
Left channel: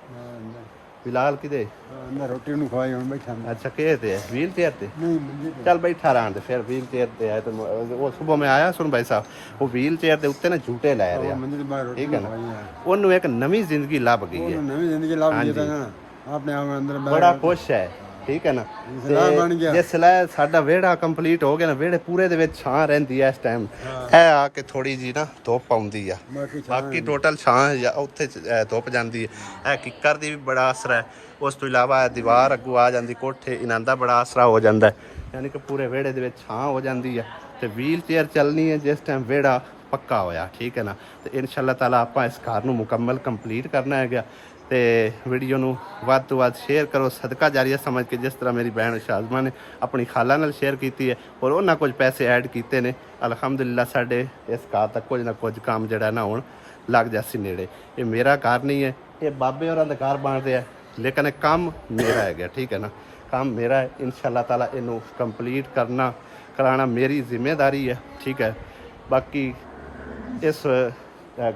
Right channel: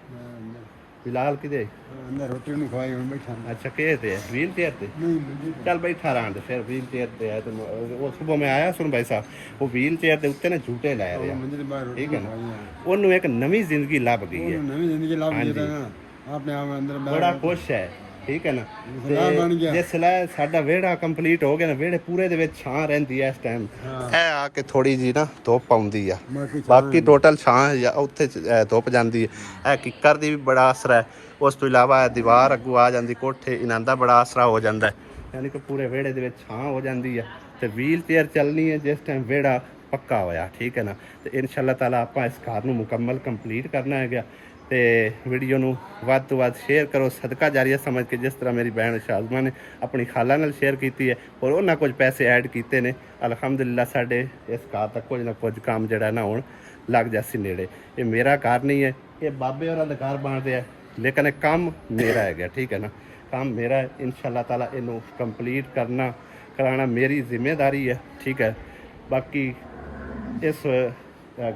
ਬਿਲਾਲ ਕਿਦੇ? ਮੈਂ ਰੋਟੀ ਨਹੀਂ ਖਵਾਈ, ਹੁਣ ਬੈਠਾ ਮੈਂ। अच्छा के थे व्हील चेयर थे? ਨਹੀਂ चल बैठा रहा तो फिर व्हील चेयर पे आया तो वो सुबह में आया सुन भाई साहब, वो व्हील चेयर के उत्ते ना झूठे लै रहा, ਮੰਦਿਰ ਬਾਹਰ ਰੋਟੀ ठीक है ना। ਖਵਾਈ ਹੈ। ਉਹਨੂੰ ਇੱਕ ਨਵੀਂ ਜ਼ਿੰਦਗੀ ਲੱਭ ਗਈ ਹੈ, ਨਵੀਂ ਜ਼ਿੰਦਗੀ ਲੱਭ ਹਾਂਜੀ। ਗਈ ਤਾਂ ਆਪਣੇ ਆਪ ਅੰਦਰ ਬੜਾ ਖੁਸ਼ ਹੈ, ਠੀਕ ਹੈ ਨਾ। ਸਲਾਹ ਬਣ ਗਿਆ। ਜੇ ਸਲਾਹ ਸਾਡਾ ਵਿਹੜਾ ਕੰਪਲੀਟ ਹੋ ਗਿਆ ਨਾ, ਵਿਹੜੇ ਪੂਰੇ ਦੇ ਵਿੱਚ ਛਾਂ ਰਹਿੰਦੀ ਹੈ ਇਸ ਟਾਈਮ। ਇਹ ਆ ਕੇ ਥੋੜੀ ਜੀ ਨਾ ਧੁੱਪ ਆਉਂਦੀ ਆ, ਬਾਕੀ ਟੋਟਲ ਛਾਂ ਜਾਂ ਉੱਥੇ ਧੁੱਪ ਜਾਂਦੀ ਹੈ। ਇਹ ਕਿੱਕਰ ਦੀ ਵੀ ਬੜਾ ਅਸਰ ਹੈ। ਉਸ ਤੋਂ ਇਲਾਵਾ ਦੀਵਾਰ ਅੱਗੋਂ ਆ ਜਾਂਦੀ ਕੋਠੇ, ਇਹਨਾਂ ਦਾ ਬੜਾ ਆਸਰਾ ਹੋ ਜਾਂਦਾ ਹੈ। ਯਾਨੀ ਕਿ ਪੂਰੇ ਵਿਹੜੇ ਦੇ ਵਿੱਚ ਛਾਂ ਹੋ ਜਾਂਦੀ ਹੈ। ਤੇ ਵੀਲ ਚੇਅਰ ਚੱਲਣੀ ਹੈ ਜਿਸ ਟਾਈਮ ਵਿਹੜਾ ਪੱਕਾ ਹੋਇਆ, ਠੀਕ ਹੈ ਨਾ। ਤੇ ਇਨਸ਼ਾ ਅੱਲਾਹ ਤਾਲਾ ਆਪਾਂ ਇਸ ਘਰ ਨੂੰ ਮੁਕੰਮਲ ਕੰਪਲੀਟ ਕਰਨਾ ਹੈਗਾ। ਤੇ ਵੀਡੀਓ ਨੂੰ ਵੱਧ ਤੋਂ ਵੱਧ ਸ਼ੇਅਰ ਕਰੋ, ਸਦਕਾ ਜਾਰੀਆ ਸਮਝ ਕੇ, ਜਿਸ ਤਰ੍ਹਾਂ ਮੇਰੀ ਭੈਣ ਸ਼ਾਜ਼ਮਾ ਨੇ ਆਪਣੀ ਖਾਲਾ ਨਾਲ ਸ਼ੇਅਰ ਕੀਤੀ ਹੈ ਔਰ ਉਹਨਾਂ ਕੁਝ ਪੈਸੇ ਐਡ ਕੀਤੇ ਨੇ। ਅਲਹਮਦੁਲਿਲਾ ਸਾਡੇ ਇਸ ਘਰ ਤੱਕ ਕੁਝ ਨਾ ਕੁਝ ਕੰਮ ਜਿਹੜਾ ਨਾ ਹੁਣ ਲੱਗ ਜਾਸੀ ਨੇੜੇ। ਇਹ ਮੇਰਾ ਘਰ ਨਹੀਂ ਹੈ, ਇਹ ਬਾਬੇ ਹੋਰਾਂ ਦਾ ਘਰ ਬਣ ਰਿਹਾ, ਲੇਕਿਨ ਇਹ ਕੰਮ ਮੇਰਾ ਹੈਗਾ, ਠੀਕ ਹੈ ਨਾ। ਕੰਮ ਮੇਰਾ ਹੈ, ਇਨਸ਼ਾ ਅੱਲਾਹ ਤਾਲਾ ਇਹਨੂੰ ਕੰਪਲੀਟ ਕਰਾਉਣਾ ਮੇਰੀ ਜ਼ਿੰਮੇਵਾਰੀ ਹੈ, ਠੀਕ ਹੈ। ਬਾਕੀ ਇਸ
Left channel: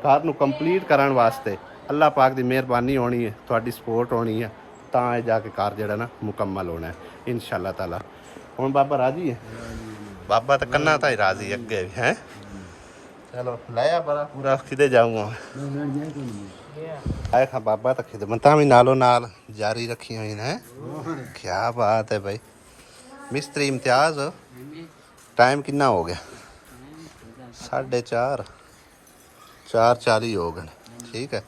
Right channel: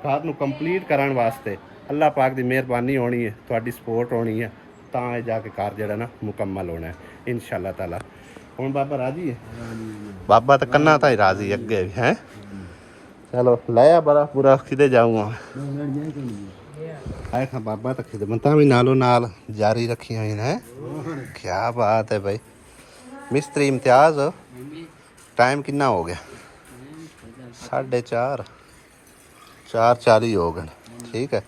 ਘਰ ਨੂੰ ਕੰਪਲੀਟ ਕਰਨ ਵਾਸਤੇ ਅੱਲਾਹ ਪਾਕ ਦੀ ਮਿਹਰਬਾਨੀ ਹੋਣੀ ਹੈ, ਤੁਹਾਡੀ ਸਪੋਰਟ ਹੋਣੀ ਹੈ, ਤਾਂ ਇਹ ਜਾ ਕੇ ਘਰ ਜਿਹੜਾ ਨਾ ਮੁਕੰਮਲ ਹੋਣਾ ਹੈ ਇਨਸ਼ਾ ਅੱਲਾਹ ਤਾਲਾ। ਹੁਣ ਬਾਬਾ ਰਾਜੀ ਹੈ? ਬਾਬਾ ਤਾਂ ਕੰਨਾ ਤਾਂ ਹੀ ਰਾਜੀ ਅੱਗੇ ਵੀ ਹੈ। ਚਲੋ ਲਾਇਆ ਬੜਾ ਪੂਰਾ ਕਿਤੇ ਜਾਊਂਗਾ ਆਏ ਖਾਂ ਬਾਬਾ ਤਾਂ ਖਿਦਮਤਾਂ ਵੀ ਨਾਲੋਂ ਨਾਲ ਜਾਰੀ ਰੱਖੀਆਂ ਹੋਈਆਂ ਨੇ। ਕਿਆ ਬਾਤ ਹੈ ਭਾਈ। ਮਿਸਤਰੀ ਇਮਤਿਆਜ਼, ਟਾਈਮ ਕਿੰਨਾ ਹੋ ਗਿਆ? 4:30, 4:40 ਹੋ ਗਏ, ਠੀਕ ਹੈ।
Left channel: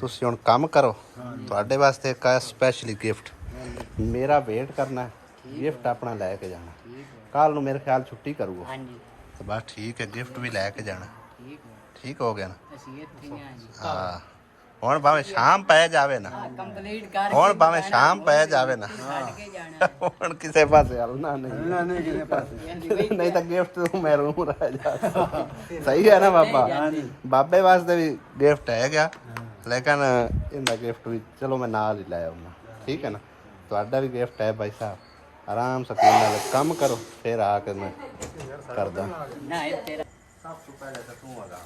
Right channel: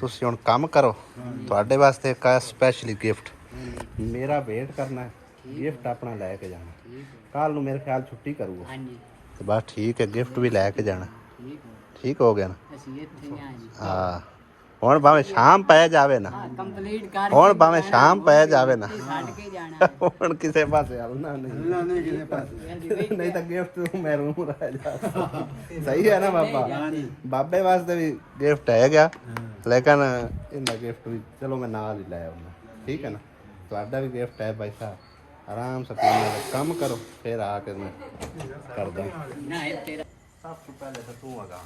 ਤੁਸੀਂ ਹੁਣ ਕੰਮ ਕਰੋ, ਤੁਹਾਡੇ ਵਾਸਤੇ ਇੱਕ ਸਪੈਸ਼ਲੀ ਗਿਫਟ ਮੇਰਾ ਵੇਟ ਕਰਨਾ ਹੈ, ਗਿਫਟ ਆਪਣਾ ਲੈ ਕੇ ਜਾਣਾ। ਕੱਲ ਨੂੰ ਮੇਰੇ ਖਿਆਲ ਛੁੱਟੀ ਕਰੂਗਾ ਤੇ ਬਸ ਠੀਕ ਹੈ, ਗਿਫਟ ਵੀ ਲੈ ਕੇ ਜਾਣਾ। ਠੀਕ ਹੋ ਗਿਆ ਨਾ? ਹਾਂ ਹੁਣ ਭਾਵੇਂ ਸ਼ਾਮ ਪੈ ਜਾਵੇ ਨਾ, ਹੁਣ ਭਾਵੇਂ ਸ਼ਾਮ ਪੈ ਜਾਵੇ ਨਾ, ਹੁਣ ਕਿਸੇ ਪਾਸੇ ਹਲਣਾ ਨਹੀਂ, ਨਹੀਂ ਤਾਂ ਗਿਫਟ ਤੂੰ ਮੈਂ ਰੂਮ ਰਹਿ ਜਾ। ਸਹੀ ਹੈ ਨਾ ਬਾਬਾ? ਬਾਬੇ ਵਾਸਤੇ ਵੀ ਗਿਫਟ ਹੈ ਗਿਆ, ਲੇਕਿਨ ਇਹਦਾ ਗਿਫਟ ਵੀ ਚਲੋ ਮੈਂ ਨਾਲ ਹੀ ਲੈ ਆਉਣਾ, ਠੀਕ ਹੈ ਨਾ। ਤੁਹਾਡਾ ਵੀ ਗਿਫਟ ਹੈ ਭਾਈ ਸਾਹਿਬ, ਆਰਾਮ ਸਕੂਨ ਨਾਲ ਕੰਮ ਕਰੋ, ਫਿਰ ਆ ਕੇ ਮੈਂ ਕਰਦਾ। ਸਭ ਤੋਂ ਪਹਿਲੇ ਤਾਂ ਤੂੰ ਆਗਾ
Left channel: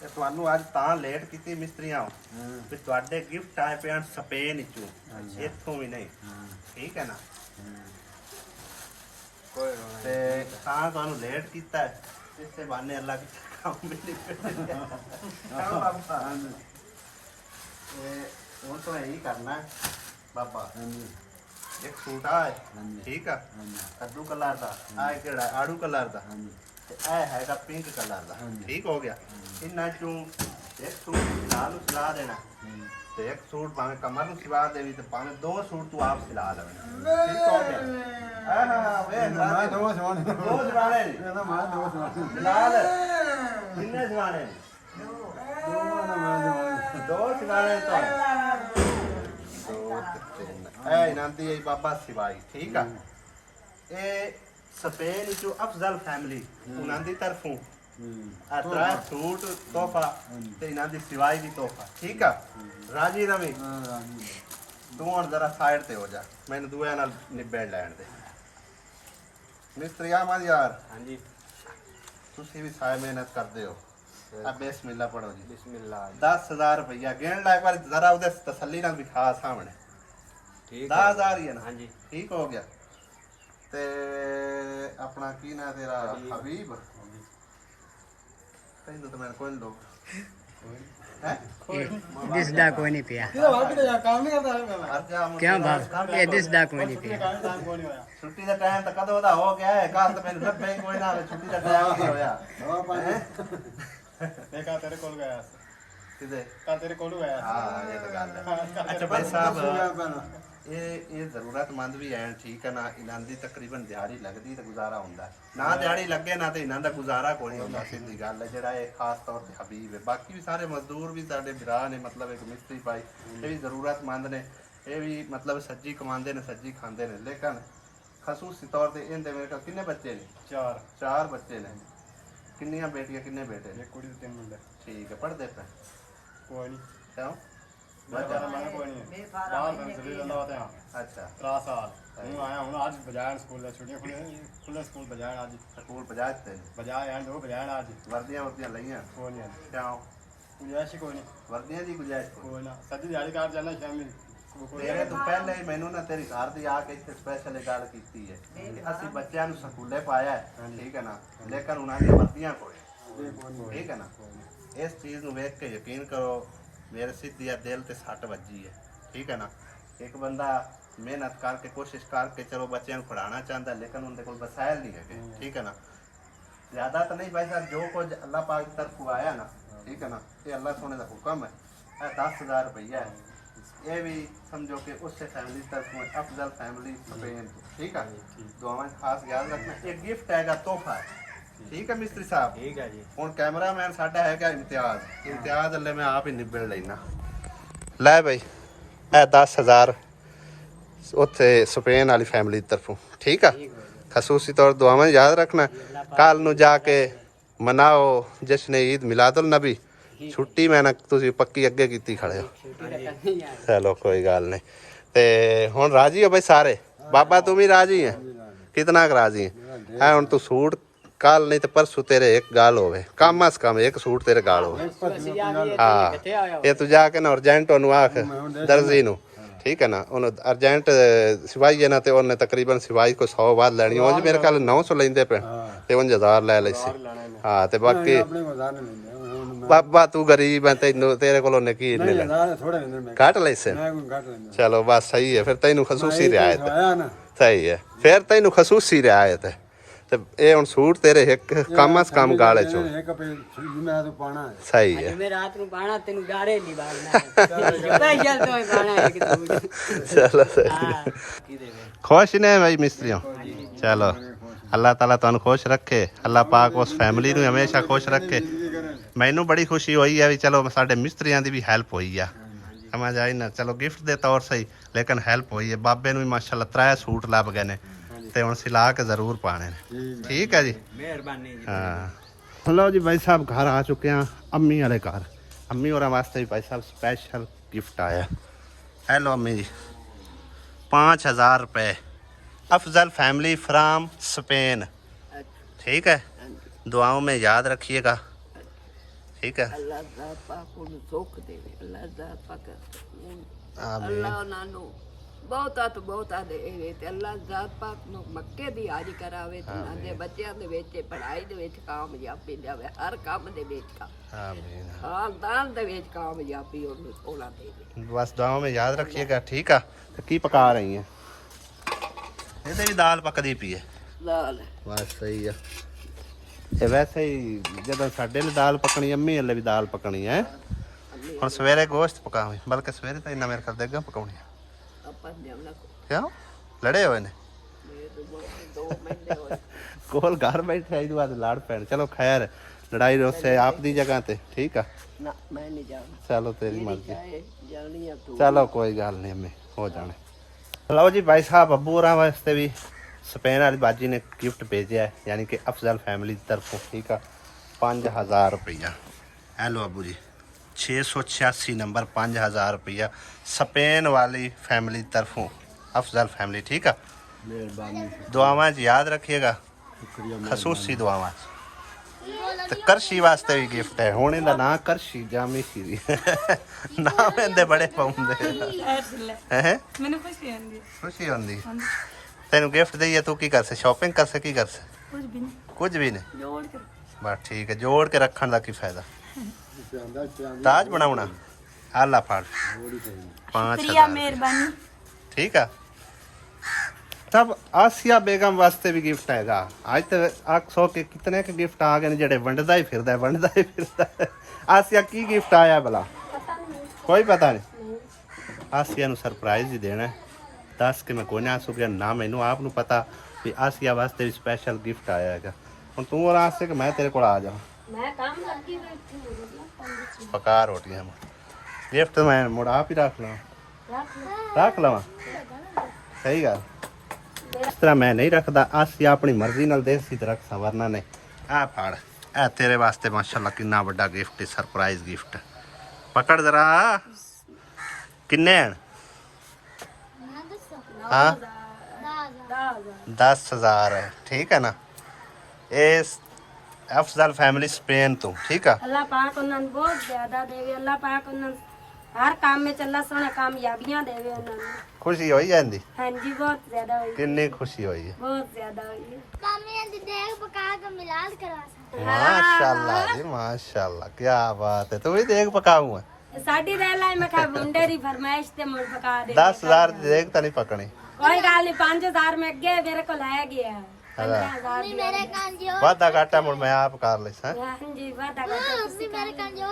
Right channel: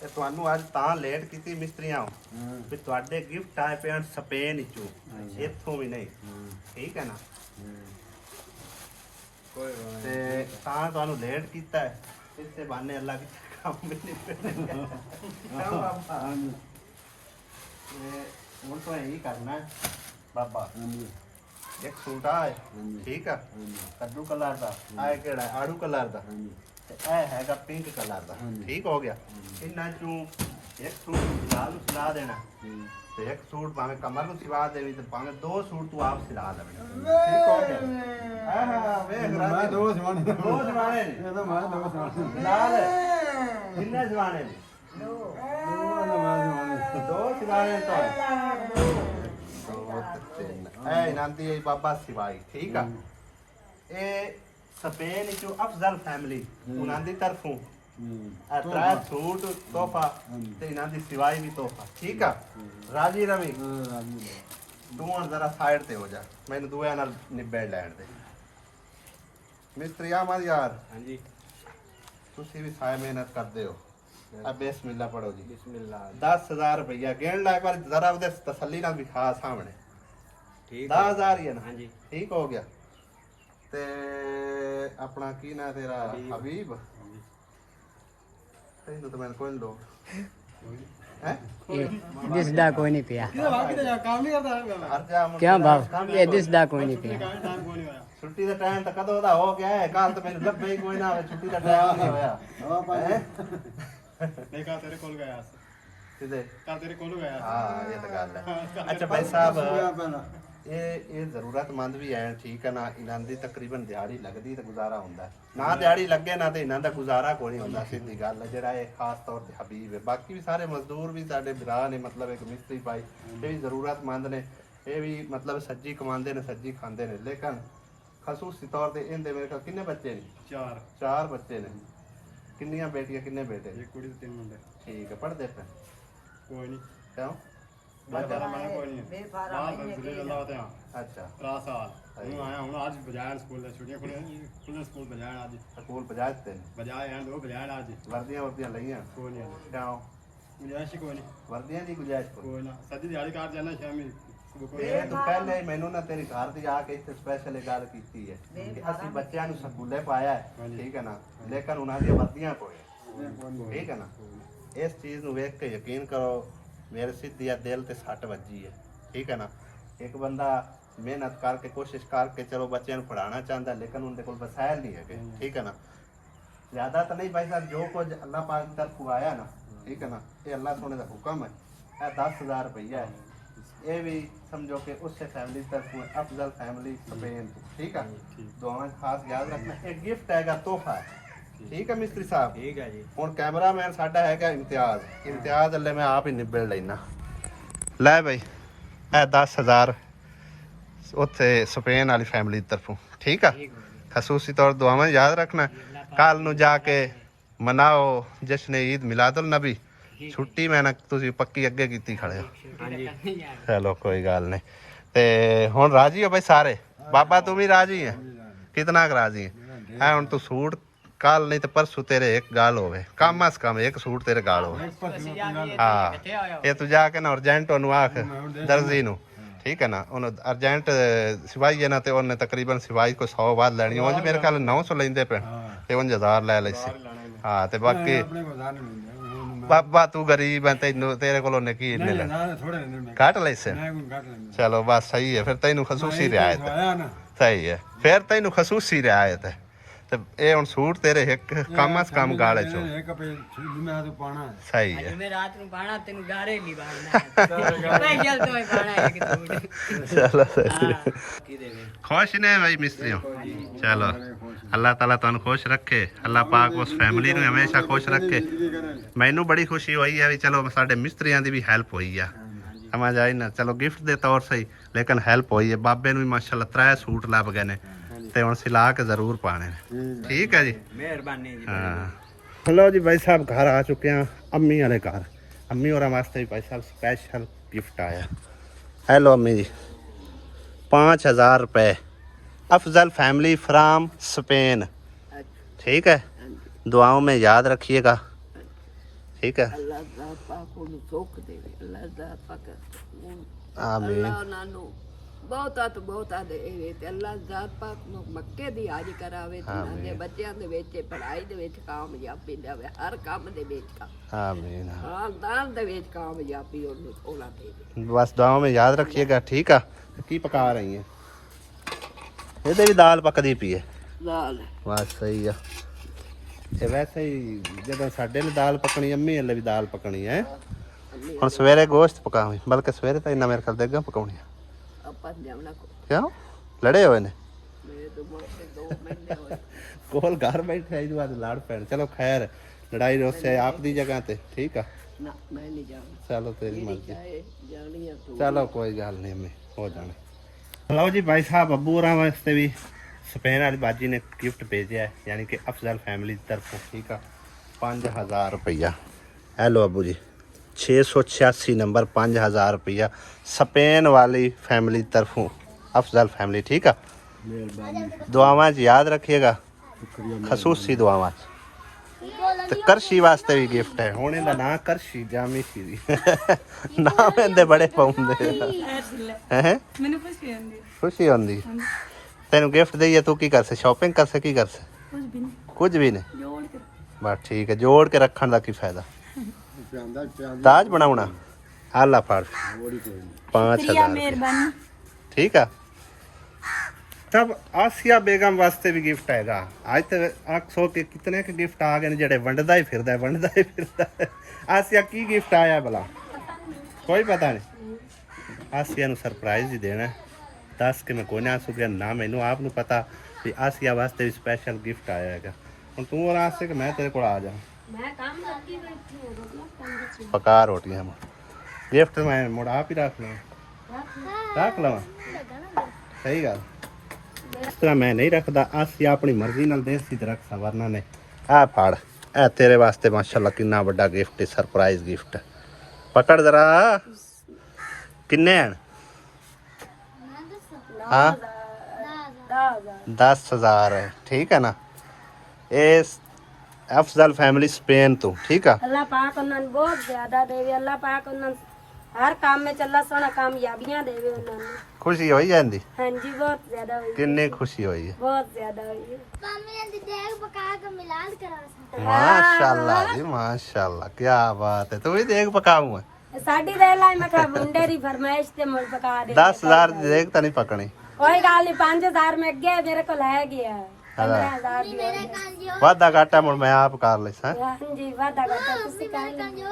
ਤੇ ਤੁਹਾਨੂੰ ਅੱਜ ਤਾਂ ਲੇਟ ਕੀਤੀ ਮਿਸਤਰੀਆਂ ਵੀ ਤੁਹਾਡੇ ਗਿਫਟ ਆਏ ਪਏ ਸਪੇਨ ਵਿੱਚੋਂ, ਇੱਥੋਂ ਵੀ ਨਹੀਂ, ਠੀਕ ਹੈ ਨਾ। ਤੇ ਤਾਂ ਤੁਹਾਨੂੰ ਲੇਟ ਕੀਤਾ ਹੈ, ਇਸੇ ਬਹਾਨੇ ਅੱਲਾਹ ਕੀ ਕੰਮ ਮਿਲ ਗਿਆ। ਹੁਣ ਤੋਂ ਇਹੀ ਕਰਨਾ ਹੈ ਬਾਬਾ। ਇੱਕ ਸੂਟ ਆ ਹੈ, ਠੀਕ ਆ, ਕੱਦੂ ਕਲਰ ਦਾ, ਆ ਕਿਹੜਾ ਆੜੂ ਕਲਰ ਦਾ, ਤੇ ਇਹ ਹੈਗਾ ਪਿੰਕ ਕਲਰ ਦਾ, ਠੀਕ ਹੋ ਗਿਆ। ਇਹਨਾਂ ਚੋਂ ਇੱਕ ਸੂਟ ਸਿਲਾ ਨੂੰ ਸਿਲਾ ਦੇਣਾ ਤੇ ਇੱਕ ਸੂਟ ਭਾਵੇਂ ਕਮਰ ਨੂੰ ਸਿਵਾ ਦੇਵੀ ਤੇ ਭਾਵੇਂ 2 ਸੂਟ ਤੂੰ ਆਪ ਸਿਲਾ ਲਵੇਂ, ਠੀਕ ਹੋ ਗਿਆ। ਹਾਂ ਵੇਖ ਮੈਂ ਦੋ ਸਿਵਾਣੇ ਨੇ, ਇਹ ਤਾਂ ਮੈਂ ਦੋ ਸਿਵਾਣੇ ਸਿਲਾ ਲੈ। ਕਿੰਨੇ ਸਿਵਾਣੇ ਨੇ? ਦੋ ਸਿਵਾਣੇ ਤਾਂ ਇਹ ਨਾਂਦੀ ਹੈ ਬਾਬਾ ਸਿਵਾਈ, ਠੀਕ ਆ। ਇਹ ਸਪੇਨ ਚੋਂ ਅਫਜ਼ਲ ਫੈਮਿਲੀ ਉਹਨਾਂ ਦੀ ਤਰਫੋਂ ਆ ਤਰਾ ਸੂਟ ਤੋਹਫਾ ਤੇ ਇਹਨਾਂ ਦੀ ਸਿਵਾਈ ਵੀ ਤੋਹਫਾ ਠੀਕ ਆ ਰਾਜੀ ਰਵੀ ਹਾਂ ਰਾਜੀ ਤੂੰ ਹੁਣ ਜ਼ਰਾ ਸਾਈਡ ਤੇ ਹੋ ਜਾ ਮੈਨੂੰ ਦੂਆਂ ਨਾਲ ਨਿਬੇੜ ਲੈਣ ਦੇ ਮਿਸਤਰੀ ਆਮਦ ਯਾਰ ਹਾਂਜੀ ਤੁਸੀਂ ਵੀ ਸਾਇ ਮਿਹਨਤ ਕਰਦੇ ਹੋ ਆ ਬਿਸਮਿਲ੍ਲਾ ਪੜੋ ਜੀ ਬਿਸਮਿਲ੍ਲਾ 10000 ਰੁਪਇਆ ਗਿਣ ਲੈ ਇੱਕ ਵਾਰ ਜ਼ਰਾ ਉਹਦੇ ਤਸੱਲੀ ਨਾਲ ਵਿਖਾ ਸਾਹਮਣੇ ਠੀਕ 10000 ਹੀ ਹੈ ਨਾ ਹਾਂਜੀ ਠੀਕ ਹੋ ਗਿਆ ਤੇ ਆਪਣਾ ਕੀ ਨਾਂ ਤੇਰਾ ਹਬੀਬ ਤੈਨੂੰ ਤਾਂ ਮੈਂ ਕੋਈ ਲੋੜ ਹੈ ਦਿਸਦਾ ਕੋਈ ਨਹੀਂ ਪਿਆ ਕੰਮ ਨਹੀਂ ਕਰਦਾ ਹਰ ਜਾ ਕਿਉਂ ਬਾਬ ਇਹ ਦਿਸਦਾ ਕੋਈ ਨਹੀਂ ਪਿਆ ਛੁੱਟੀ ਦਾ ਟਾਈਮ ਤਾਂ ਕਦੋਂ ਦਾ ਹੋ ਗਿਆ ਹੈ ਕੱਲ ਤਾਂ ਮੈਨੂੰ ਲੱਭੇ ਹੀ ਕੋਈ ਨਾ ਹੋਵੇ ਛੁੱਟੀ ਦਾ ਟਾਈਮ ਨਹੀਂ ਹੋਇਆ ਹਾਂ ਹੈਂ? ਨਹੀਂ ਕਾ ਤੇਰੇ ਕੋਲ ਗਿਆ ਕਿਤੇ ਕੱਲ ਤੇਰੇ ਕੋਲ ਗਿਆ ਹਾਂ ਇਹ ਤਾਂ ਗੱਲ ਹੈ ਅੱਛਾ ਭਾਈ ਸਾਹਿਬ ਇਹ ਜ਼ਰੂਰਤਮੰਦ ਵੀ ਐਨ ਠੀਕ ਹੈ ਨਾ ਇਹਨਾਂ ਦੀ ਤਕਰੀਬਨ ਦਿਹਾੜੀ ਲੱਗਦੀ ਤੇ ਗੁਜ਼ਾਰਾ ਹੁੰਦਾ ਨਾ ਦਿਹਾੜੀ ਲੱਗੇ ਨਾ ਤੇ ਇਹਨਾਂ ਦਾ ਗੁਜ਼ਾਰਾ ਕੋਈ ਨਹੀਂ ਹੁੰਦਾ ਸਿੱਧੀ ਗੱਲ ਹੈ ਜਿਹੜਾ ਇਹ ਖਾਸ ਤੌਰ ਤੇ ਹਬੀਬ ਹੈ ਬਾਕੀ ਵੀ ਸਾਰੇ ਮਜ਼ਦੂਰ ਵੀ ਸਾਡੇ ਭਰਾ ਨੇ ਮਤਲਬ ਇੱਕ ਮਿਸਤਰੀ ਭਾਈ ਇਹ ਵੀ ਜ਼ਰੂਰਤਮੰਦ ਨੇ ਇਹ ਵੀ ਮਤਲਬ ਸੱਜੀ ਕਮਾਉਂਦੇ ਨੇ ਸੱਜੀ ਖਾਂਦੇ ਨੇ ਲੇਕਿਨ ਖਸੂਸੀ ਤੌਰ ਤੇ ਇਹਦੇ ਮੇਰੇ ਕੋਲ ਕਿੰਨੇ ਬੱਚੇ ਨੇ 4 ਬੱਚੇ ਨੇ ਕਿੰਨੀਆਂ ਬੇਟੀਆਂ ਕਿੰਨੇ ਬੇਟੇ ਨੇ ਇੱਕ ਕੁੜੀ ਤੇ 3 ਮੁੰਡੇ ਠੀਕ ਹੈ ਪੜ੍ਹਦੇ ਪਏ ਕੋਈ ਨਹੀਂ ਕਿਉਂ ਮੈਂ ਕੋਈ ਨਹੀਂ ਬਾਹਰ ਜ਼ਿਲ੍ਹੇ ਅੱਲਾਹ ਤੇ ਹਾਂ ਅੱਛਾ 3 ਸਾਲ ਹੁਣ ਆਇਆ ਹੁਣ ਅੱਜ ਬਜਾਇਣ ਸਕੂਲ ਛੁੱਟੀਆਂ ਖੁੱਲੇ ਸਕੂਲ ਬਜਾਇਣ ਅੱਜ ਸਕੂਲ ਪਜਾਜਤੇ ਨੇ ਬਜਾਏ ਆਂ ਦੋ ਬਜਾਇਣ ਅੱਜ ਵਰਦੀਆਂ ਲਈਆਂ ਕੋਈ ਨਹੀਂ ਕਿਉਂ ਗੁੰਜਾਇਸ਼ ਕੋਈ ਨਹੀਂ ਵਰਦੀਆਂ ਦੀ ਗੁਜਾਇਸ਼ ਕੋਈ ਕੋਈ ਨਾ ਸੱਜੀ ਦਿਹਾੜੀ ਕਰ ਜਾਣਾ ਸ਼ਾਮੀ ਤੇਰੇ ਤੋਂ ਪਹਿਲੇ ਮੈਨੂੰ ਨਾ ਤੇਰੀ ਘਰ ਦੀ ਆ ਕੇ ਇੱਥੇ ਸਪੈਸ਼ਲ ਗੱਲ ਕੀਤੀ ਹੈ ਕਿ ਅਸੀਂ ਬੱਚਿਆਂ ਨੂੰ ਸਕੂਲੇ ਪਾਇਆ ਹੈ ਠੀਕ ਹੈ ਨਾ ਲੇਕਿਨ ਉਹਨਾਂ ਦੀਆਂ ਵਰਦੀਆਂ ਕੋਈ ਠੀਕ ਹੈ ਨਾ ਇਸ ਚੀਜ਼ ਨੂੰ ਵੇਖ ਕੇ ਯਕੀਨ ਕਰੋ ਮੇਰੇ ਸਿੱਧੀ ਦਿਲ ਤੇ ਸੱਟ ਵੱਜੀ ਹੈ ਠੀਕ ਹੈ ਨਾ ਇੱਕ ਬੰਦਾ ਮਿਹਨਤ ਕਰਕੇ ਕੋਸ਼ਿਸ਼ ਕਰਕੇ ਚਲੋ ਬੱਚਿਆਂ ਨੂੰ ਪੜਾਉਣਾ ਚਾਹੁੰਦਾ ਲੇਕਿਨ ਉਹਦੇ ਕੋਲ ਵਸਾਇਲ ਨਹੀਂ ਹੈਗੇ ਠੀਕ ਹੈ ਨਾ ਜ਼ਿਆਦਾ ਤਾਂ ਨਹੀਂ ਭਾਈ ਸਾਹਿਬ ਜੋ ਕੁਝ ਅੱਲਾਹ ਪਾਕ ਦੀ ਤਰਫੋਂ ਆਇਆ ਨਾ ਠੀਕ ਹੈ ਨਾ ਇਹ ਅੱਲਾਹ ਸੋਨੇ ਦਾ ਹੁਕਮ ਹੈ ਇਹ 10000 ਰੁਪਈਆ ਹੈ ਇਹ ਵੀ ਸਮਝੋ ਕਿ ਉਸੇ ਫੈਮਿਲੀ ਤਰਫੋਂ ਅਫਜ਼ਲ ਫੈਮਿਲੀ ਸਪੇਨ ਤੋਂ ਠੀਕ ਹੈ ਦੁਆਵਾਂ 'ਚ ਖਾਸ ਯਾਦ ਰੱਖਣਾ ਇਹ ਗਿਫਟ ਹੈਗਾ ਤੋਹਫਾ ਹੈ ਠੀਕ ਹੈ ਮਿਸਤਰੀ ਸਾਹਿਬ ਠੀਕ ਹੈ ਜੀ ਹੁਣ ਕੈਮਰਾਮੈਨ ਸਾਡਾ ਹੈਗਾ ਇਮਤਿਆਜ਼ ਅੱਲੇ ਮੈਂ ਆਪ ਹੀ ਨਿਬੜ ਲੈਣਾ ਲੈ ਬਈ ਇਹ 10000 ਉੱਥੇ ਸਪੇਨ ਵਾਲੀ ਫੈਮਿਲੀ ਤਰਫੋਂ ਠੀਕ ਆ ਖਸੂਸੀ ਤੌਰ ਦੁਆਵਾਂ ਯਾਦ ਰੱਖਣਾ ਕੱਲ ਨੂੰ ਜਾ ਕੇ ਮਨਾਓ ਜਸ਼ਨ ਈਦ ਮਿਲਾਦੁਲ ਨਬੀ ਛੁੱਟੀ ਮੈਂ ਨਾ ਤੁਸੀਂ ਪੱਕੀ ਅੱਗੇ ਕੀਤੀ ਖੜੇ ਹੋ ਚਲੋ ਕੋਈ ਗੱਲ ਨਹੀਂ ਤੇ ਹੁਣ ਰਾਜੀ ਹੋ ਬਈ ਸਾਰੇ ਬਾਬਾ ਤੂੰ ਵੀ ਰਾਜੀ ਹੈ ਕਿਤਨਾ ਕੁ ਰਾਜੀ ਹੈ ਹੁਣ ਤੂੰ ਸੂਟ ਕੱਲ नहीं तो परसों तेरे एक गाल होवे कम अस कम एक सूट तेरे गाल होवे हाँ ये तू जाके ना अर्जेंट ओनू आख दर्जी नू ठीक है ना ओनू अर्जेंट सिवाई है ना ते ओने तकरीबन सिवाई को 100 बाद लेनी उंज मेरे ख्याल 900 लेंदे पे ते 1000 ले लैसे हाँ ते बाकी बाबा तू गरीब है तेनू तेरे कोल ओने की इन्ने घट लैसे चलो बस सही है फिर तैनू खसूसी रियायत सही है फिर तैनू खसूसी रियायत है ਤੇ ਇਹ ਹੁਣ ਸੂਟ ਤੇਰੇ ਇੱਕ ਕੰਮ ਅਸ ਕੰਮ ਗਾਲੇ ਚੋਂ ਸਹੀ ਹੈ ਮੈਂ ਰਾਤ ਨੂੰ ਪਾਣਾ ਤੈਨੂੰ ਡਾਰੇ ਨਹੀਂ ਬਾਗਣਾ ਨਹੀਂ ਚੱਲ ਤੂੰ ਪਾਣਾ ਇੱਕ ਤੂੰ ਚਲੋ ਸਹੀ ਖੁਸ਼ ਨੇ ਭਾਈ ਮਿਸਤਰੀਓ ਚਲੋ ਅੱਲਾਹ ਤਾਲਾ ਤੁਹਾਨੂੰ ਖੁਸ਼ ਰੱਖੇ ਅੱਲਾਹ ਪਾਕ ਉਸ ਫੈਮਿਲੀ ਨੂੰ ਹਮੇਸ਼ਾ ਖੁਸ਼ ਰੱਖੇ ਮੈਨੂੰ ਬੜੀ ਖੁਸ਼ੀ ਹੋਈ ਹੈ ਵੀ ਚਲੋ ਸਾਡੇ ਮਿਸਤਰੀਆਂ ਦੀ ਵੀ ਹੈਲਪ ਹੋਈ ਆ ਸਮਝ ਆਈ ਨਾ ਚਲੋ ਗਿਫਟ ਦੇ ਤੌਰ ਸਹੀ ਲੇਕਿਨ ਹੈਲਪ ਹੋਈ ਹੈ ਬਾਬੇ ਨੂੰ ਵੀ ਮਾਸ਼ਾਅੱਲਾ 3 ਸੂਟ ਲੱਭ ਗਏ ਨੇ ਤੇ ਹੁਣ ਸਿਲਾ ਕੇ ਜ਼ਰੂਰ ਪਾਣੇ ਨੇ ਠੀਕ ਹੈ ਜੀ ਮਿਹਰਬਾਨੀ ਜੀ ਹਾਂ ਚਲੋ ਜੀ ਭਾਈ ਸਾਹਿਬ ਘਰ ਆ ਚੁੱਕੇ ਆ ਅੰਮੀ ਵਾਲੇ ਘਰ ਅੰਮੀ ਹੋਰਾਂ ਵਾਸਤੇ ਵੀ ਭਾਈ ਸਾਹਿਬ स्पेशल गिफ्ट आया हेलो अम्मी जी 5000 रुपए अफजल फैमिली फ्राम स्पेन ठीक है दुआओं में याद रखिएगा ठीक है अल्लाह पाक ਨੂੰ ਸੁੱਖ ਦੇਵੇ ਅੱਲਾਹ ਪਾਕ आमीन ਅੱਲਾਹ ਉਹਨਾਂ ਨੂੰ ਬਹੁਤਾ ਦੇਵੇ ਤੇ ਅੱਲਾਹ ਜ਼ਾਤ ਪਾਕ ਨੂੰ ਮੱਕੇ ਦੀ ਹਾਜ਼ਰ ਕਰਾਵੇ ਤੇ ਉਹਨਾਂ ਦੇ ਬੱਚਿਆਂ ਦੇ ਵਿੱਚ ਪੜ੍ਹਾਈ ਦੇ ਵਿੱਚ ਕਾਮਯਾਬੀ ਦੇਵੇ ਹਰ ਕੰਮ ਦੇ ਵਿੱਚ आमीन ਖਾਨਦਾਨ ਦੇ ਵਿੱਚ ਕਾਮਯਾਬੀ ਉਹਨੂੰ ਉਹਨਾਂ ਦੇਵੇ बस दुआओं में याद रखिएगा ठीक है की पका रही है ਇਹਦੇ ਵੀ ਦਾਲ ਪੱਕਦੀ ਪਈ ਹੈ ਲਾਲ ਬਸ ਸਹੀ ਆ ਇਹ ਵੈਸੇ ਹੀ ਜਦੋਂ ਸਾਡੇ ਲਈ ਦਾਲ ਪਕਣੀ ਅੰਮੀ ਹਲੇ ਵੀ ਦਾਲ ਪਕਣੀ ਹੈ ਹੁਣ ਸਵੇਰੇ ਗੋਸ਼ਤ ਪਕਾਵੇਂ ਬਲਕਿ ਸਵੇਰੇ ਤਾਂ ਇੰਨਾ ਮੇਰੇ ਖਿਆਲ ਦੇਗਾ ਪਕਾਉਣੀ ਆ ਆਪਾਂ ਜਾਵਣਾ ਕਿਉਂ ਲੜੇ ਹੋਏ ਨੇ ਮੇਰੇ ਤੋਂ ਦੋ ਮਹੀਨੇ ਹੋਏ ਕੋਲ ਘਰ ਬੈਠੇ ਇਹਦੇ ਬਾਅਦ ਲੜ ਪੈਣ ਚਲੋ ਖੈਰ ਲੜਾਈ ਰੋਸੇ ਆਪ ਦੀ ਜਗ੍ਹਾ ਤੇ ਠੀਕ ਆ ਨਾ ਮੈਂ ਨਹੀਂ ਜਾਣਾ ਚਲੋ ਤੇਰੀ ਮਰਜ਼ੀ ਜਾਣੀ ਆ ਤੂੰ ਚਲੋ ਕੋਈ ਗੱਲ ਨਹੀਂ ਅੰਮੀ ਹੋ ਜਾਣੇ ਲਓ ਜੀ ਭਾਈ ਸਾਹਿਬ ਅੱਬੂ ਹੋਰਾਂ ਵਾਸਤੇ ਵੀ स्पेन वाली बाजी ने गिफ्ट भेजा है, यानी कि अफजल फैमिली की तरफों, ठीक है। 5000 रुपया। हेलो अबू जी, 686 नंबर, 5000 रुपया स्पेन वाली फैमिली की तरफों, अफजल फैमिली, ठीक है। दुआवां च याद रखिएगा, खसूसी दुआवां च। ਤੇ ਕਰਸ਼ੀ ਵਾਸਤੇ ਵੀ ਗਿਫਟ ਹੈ। ਹੁਣ ਇਹਦਾ ਨਾਂ ਕਰਸ਼ੀ ਜਾਮੀ ਸੀ ਨਾਮ ਇਹਦੇ ਬੜੇ ਪਾਉਂਦੇ ਹੈ। ਮੈਨੂੰ ਖੁਸ਼ੀ ਹੁੰਦੀ। ਖੁਸ਼ੀ ਹੁੰਦੀ ਤੈਨੂੰ ਗਿਫਟ ਦਈਏ, ਤੂੰ ਕੀ ਕਰਸੇ? ਸ਼ਾਪਿੰਗ ਕਰਸੇ? ਕੀ ਕਰਸੇ? ਕੁਝ ਵੀ ਨਹੀਂ। ਜੋੜ ਕੇ ਬਸ ਠੀਕ ਹੈ, ਜੋੜ ਕੇ ਰੱਖਣ ਦਾ ਕੀ ਫਾਇਦਾ। ਤਾਜ ਬਣਾਉਣਾ। ਆਲਾ ਫੜ 5000 ਮਿਹਰਬਾਨੀ। ਠੀਕ ਆ। तब आसिया बेगम वास्ते भी गिफ्ट हैगा। आज तक 100 के कितने के गिफ्ट आ गए जेड़े वंडदा ही फिरदा है। आसिया की गिफ्ट आया भला? कोई पता नहीं। आसिया नु सरप्राइज ही देना है। दस के मैं कोई नहीं आ सकिया ना, मैनू आप नु पता भी आसिया वास्ते भी स्पेशल गिफ्ट आया हैगा। हुण तू और आस्ते कि मैं तेरे को आ जाऊं। मैं काम करके बैठी हूं। पका रोटियां गिफ्ट मैं मुड़ आप ही रख लवां सही गल। इस तरह मैं नहीं रखता। आसिया अपनी मर्जी नाल देसी ते रख वरना नहीं। आ फाड़, ए तेरे वास्ते माशाल्लाह कितना बड़ा गिफ्ट है, सरप्राइज गिफ्ट। पकड़ जरा। किन्ने हैं? हाँ 10,000 है, ठीक है ना। ये अफजल फैमिली स्पेन तो, ठीक है। अल्लाह पाक उन्हें बहुत ज्यादा देवे। अल्लाह पाक उन्हें हर काम में चला सोना कामयाबियां देवे उन्हें। खुशी हो जाती? हाँ जी, बहुत ज्यादा हुई। कितनी खुशी हुई है? बहुत ज्यादा हुई है। माशाल्लाह जी माशाल्लाह, क्या बात है। तू भी देख पकाऊं है। साडी दे लाई मैं कहा मुंडे री फरमाइश ते मुड़ पका दे। 10,000 दी देख तो नहीं पकनी। कोई गल नहीं, 5000 में अगे मेरे को ले गया। 15,000 वादा घाटा मुड़ मैं आप कर ले। हाँ जी, वादा करता तुसी कर लो।